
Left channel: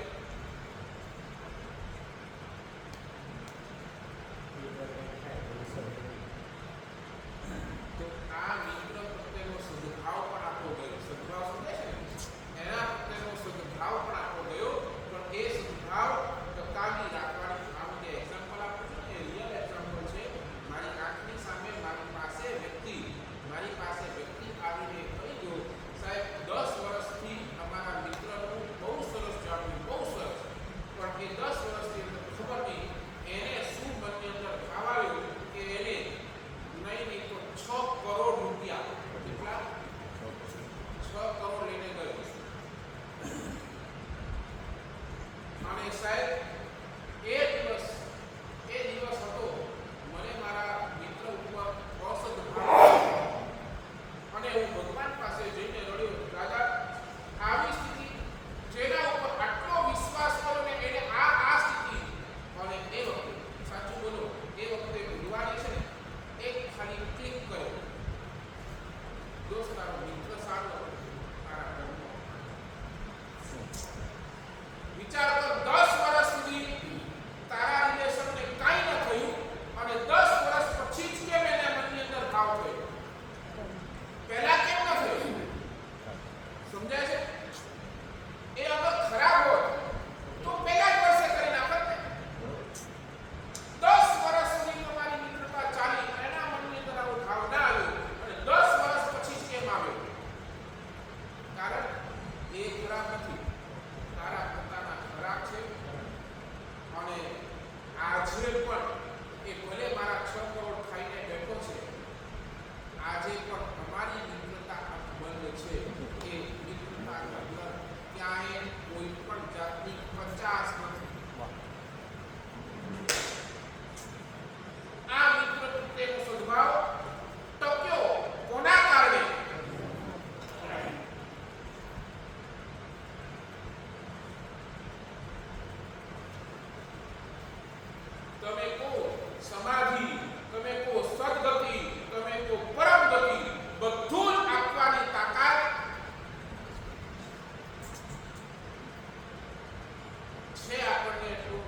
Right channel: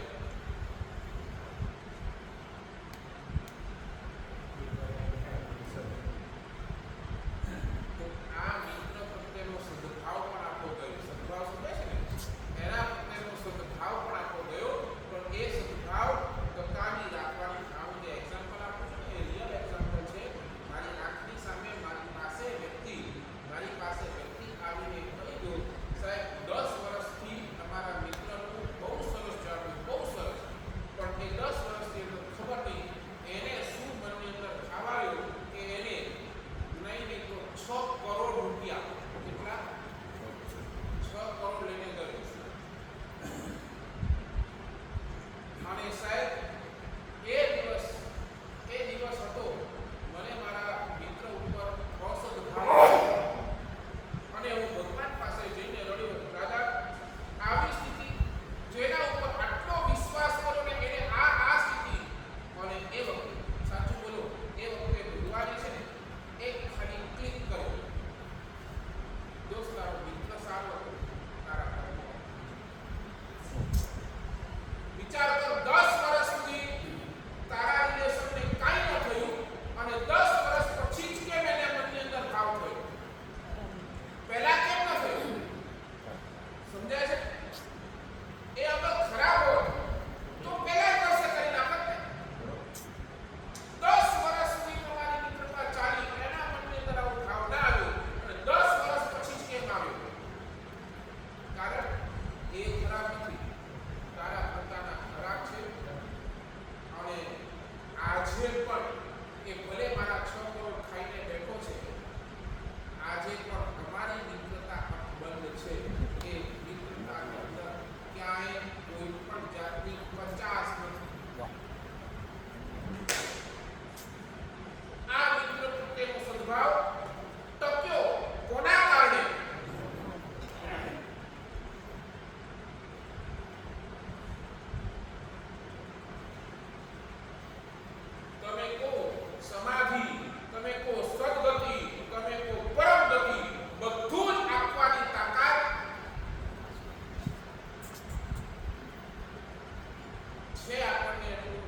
તો આ મિત્ર પ્રત્યેનો સદભાવ પણ આપવો ગયો. સદભાવ સમજાય છે ને? એના પ્રત્યેનો સદભાવ પણ આપવો ગયો, પણ એ સદભાવ ટકાવી રાખવાની. આ હું જે એક્ઝામ્પલ આપું છું ને એ રિયલ એક્ઝામ્પલ છે. મારી આંખની સામે મારી પાસે વ્યક્તિ આવીને કહી ગયો સાહેબ 10 વર્ષથી અમારા મિત્રનું બહુ સરસ ચાલ્યું, બહુ સરસ, પણ એ 10 વર્ષની અંદર ખબર નહીં એને શું મનની અંદર ખાવાયું કે એને નહીં તો 6 કરોડ રૂપિયા, કેટલા? 6 કરોડ લઈને ગયો. અને સાહેબ એ દિવસ હતો મને મારા મિત્ર ઉપર અસદભાવ અને હું ભગવાન પાસે જઈને રડ્યો, દાદા આવી સ્થિતિ જેના ઉપર આટલો વિશ્વાસ કર્યો ને એને આ સ્થિતિ. અને એ વખતે સાચું બોલો એ વખતે ભગવાને છે ને એક ખાલી ક્લિક કર્યો, દોસ્ત તારો મિત્ર સારો હતો, તારા ઘરમાં વિચાર કર 10 વર્ષ સુધી તારા રિલેશનને કાંઈ ન થયું અને 10 વર્ષ પછી જ કેમ એને મનની અંદર ભાવ થયો? પહેલા કેમ ન થયું? સમજાય છે? એ અગર ખરાબ હોત તો પહેલા જ વર્ષે કરી નાખત ને. 10 વર્ષ સુધી તમારી મિત્રતા ચાલી, એના મનની અંદર આવો ભાવ ના આવ્યો અને 10 વર્ષ પછી જ કેમ આવ્યો? કારણ એ ખરાબ નથી, તારા પોતાના ખરાબ છે. અને આજે પણ એ ભલે મારા 6 કરોડ ખાઈને બેઠો છે, આજે પણ અમારી મિત્રતા બંધ છે. એ મિત્રતા અંદર ક્યાંય કોઈ પણ જાતની 50 નથી. આ મિત્ર પ્રત્યેનો સદભાવ ટક્યો કોના કારણે? તમે કહો સમાધિ, તમે કહો સદગતિ, તમે કહો પરમ ગતિ, બધું જ આપવાની તાકાત છે આપણને. એટલું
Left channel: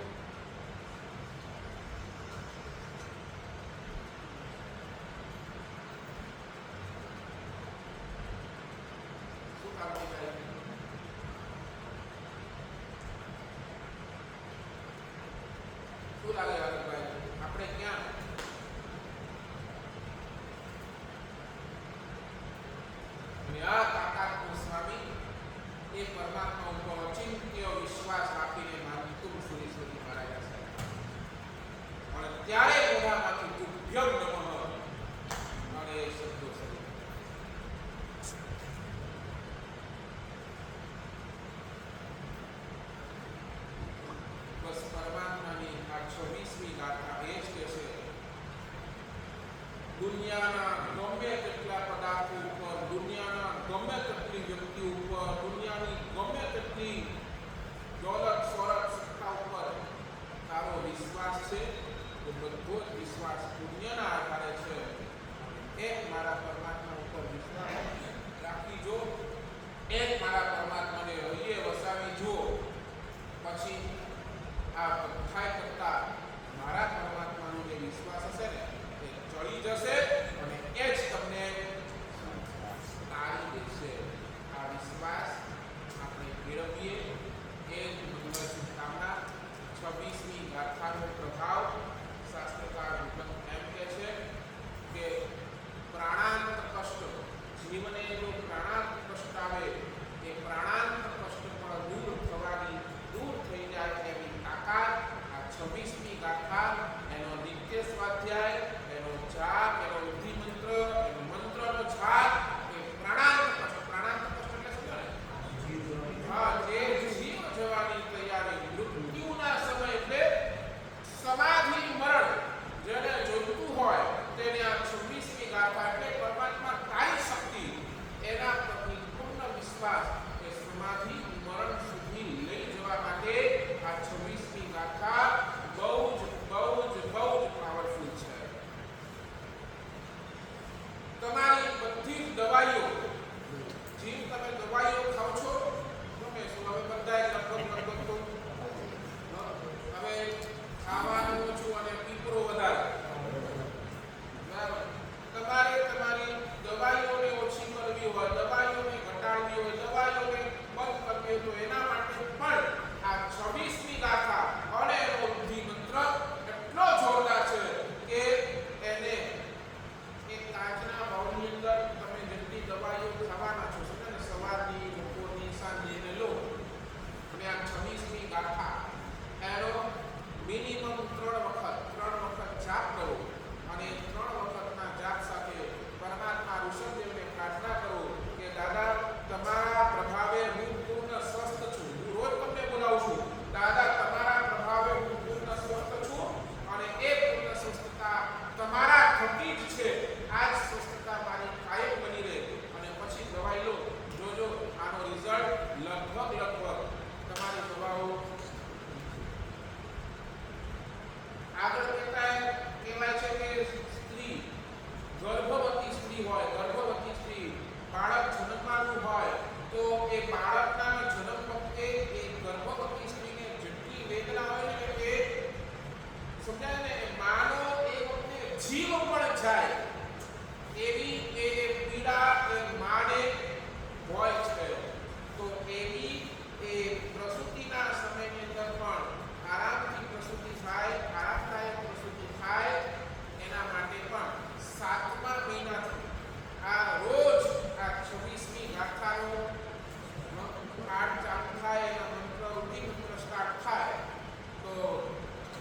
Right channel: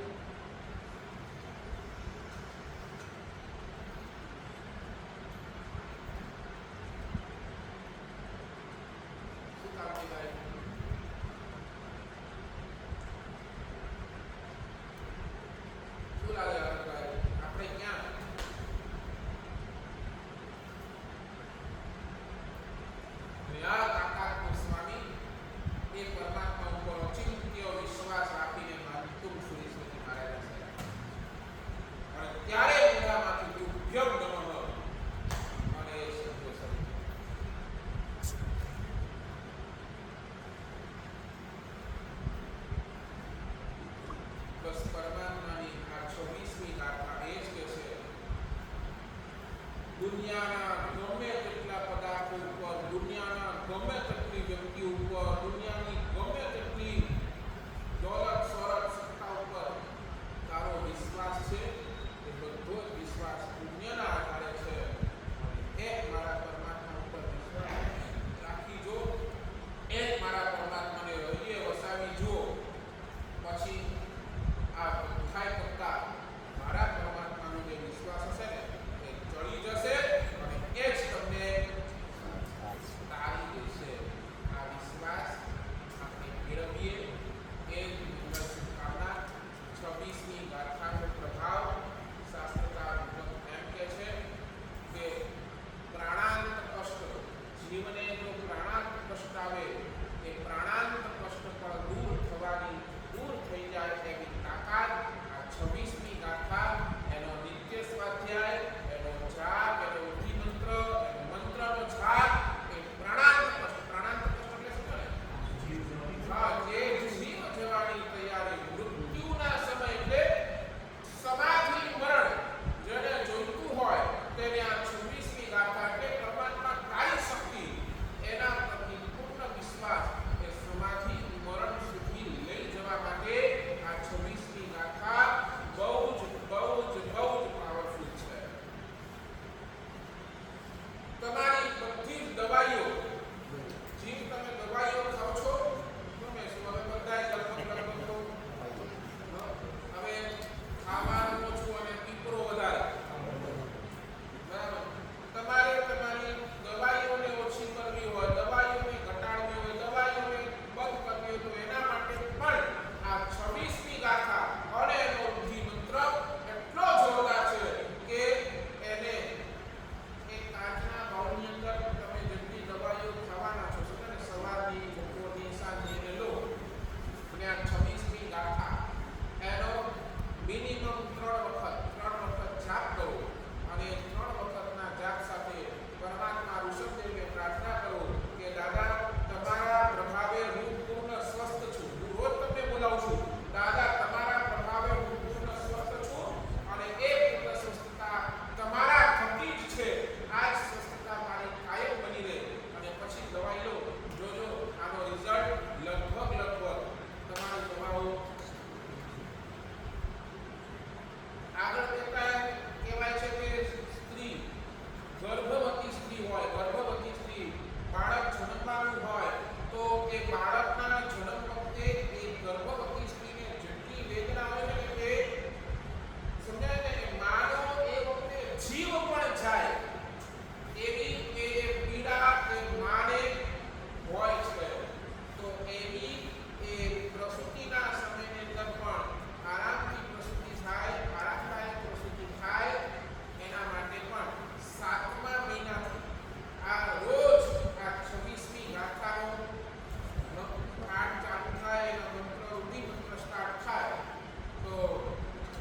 શું કામ છે ભાઈ? ગાથા એ જ કે છે દુનિયાના ગમે તેટલા પદાર્થો ઉપર, દુનિયાના ગમે તેટલી વ્યક્તિઓ ઉપર, દુનિયાની ગમે તેટલી દોલત સોરત સત્તા ઉપર તારો વિશ્વાસ છે એ બધો જ વિશ્વાસ પુણ્યના આધારે છે. એક મારા પરમાત્મા ઉપર વિશ્વાસ રાખી જો, એક મારા પરમાત્માને હૃદયે વસાવી જો, પછી આ બધાય કરતા મારા પરમાત્માનો જે વિશ્વાસ હશે ને એ ચડી જશે અને એ જ તમને તારી દેશે. આ વિશ્વાસ આપણે કેળવીએ એ જ મંગળ શુભકામના. 26મી ગાથાનો પ્રભાવ શાસ્ત્રકાર મુજબ એમ કહે છે કે પ્રાણાંત કષ્ટ, જીવને જો પ્રાણાંત કષ્ટ આવે એ પ્રાણાંત કષ્ટ પણ દૂર થઈ જાય એવી તાકાત આ 26મી ગાથા, એનો નિત્ય સ્વાધ્યાય, એનો જાપ, એનો વિધિ મંત્ર, એનો મંત્રનો જાપ, એ પ્રાણાંત કષ્ટ એટલે સમજો ને? હા, જે જીવ જવાની તૈયારી, મૃત્યુના સમય એટલે સમાધિ મરણ જેને જોઈતું હોય તેને આ 26મી ગાથા એટલે પરમાત્મા તારી શક્તિ, એના પરની પૂર્ણ વિશ્વાસ એ સમાધિ મરણ સુધી લઈ જવા માટે આ 26મી ગાથા બહુ જ પાવરફુલ છે. તમારી બધી જ દવાઈઓ, જીવ તમે દવાઈઓ ખાઓ છો, ગમે શું હવે બધાય લગભગ તો હવે ખાવાનું ઓછું અને પીપરો વધારે, બરાબર? તમારે તમારી દવાઈઓને ઓછી કરવી હોય, દવાઈઓને ઘટાડવી હોય, દવાઈઓને બંધ કરવી હોય તો એના માટે પણ આ 26મી ગાથા અને એનો વિધિ મંત્ર એટલો જોરદાર છે કે એને એક કાચના બાઉલની અંદર તમે જેટલી દવાઈઓ ખાવાના છો, સમજો ને, સવારની, બપોરની, સાંજે એને લો અને આ 26મી ગાથા એનો મિનિમમ 3 વખત જાપ કરો અને 3 વખતના જાપ સાથે પરમાત્મા ઋષભદેવને પ્રાર્થના કરો કે દાદા તમારા પ્રભાવે હું પૂર્ણ સ્વસ્થ છું. હું રોજ તમને બોલાવું છું, દાદા તમારા પ્રભાવે હું પૂર્ણ સ્વસ્થ છું અને એ પૂર્ણ સ્વસ્થતા તમારા થકી જ છે. આ જ સ્વસ્થતા મારી કાયમ બની રહે અને પછી દવાઈ લો, જોજો આનો રિઝલ્ટ લગભગ તમારી દવાઓ આગળ કહેવાય છે કે સ્ત્રી, ગર્ભવતી સ્ત્રી હોય, ગર્ભવતી સ્ત્રી બાળક જન્મવાનું હોય તો એ બાળકના જન્મ વખતે એ ગર્ભવતી સ્ત્રીને જેટલી વેદના હોય છે ને એ સમજાય ને, એ માનો એ વખતે જીવ પણ જાય એવી એ પીડા એ માને હોય છે. તો એવી એ પ્રસૂતિના સમયની અંદર પણ આરામથી પ્રસૂતિ થાય, આરામદાયક પ્રસૂતિ થાય એના માટે પણ 7મા મહિનાથી આ રોજ આ 26મી ગાથાનો પાઠ ચાલુ થાય, એના મંત્ર, વિધિ મંત્ર સ્ટાર્ટ થાય તો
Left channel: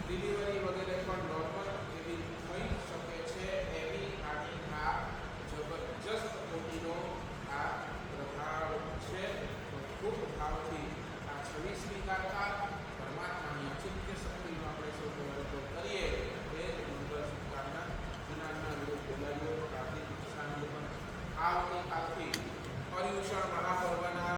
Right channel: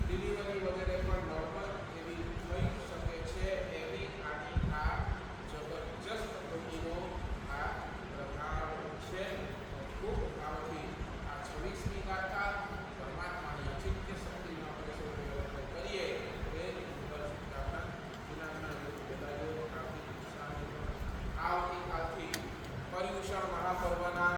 ડિલિવરી વગેરે પણ નોર્મલ એવી થઈ શકે છે. એવી આની આ જબરજસ્ત કોટીનો આ પ્રભાવ છે. તો ખૂબ ભાવથી આ 26મી ગાથા પરમાત્માની અચિંત્ય શક્તિનો આપણે સૌ પ્રયોગ કરીએ. એ જ મંગળ શુભકામના. દિનાના ગુરુ બોલાયો કાર્તિક શાંતિ પણ આવતીકાલથી પર્યુષણ મહાપર્વના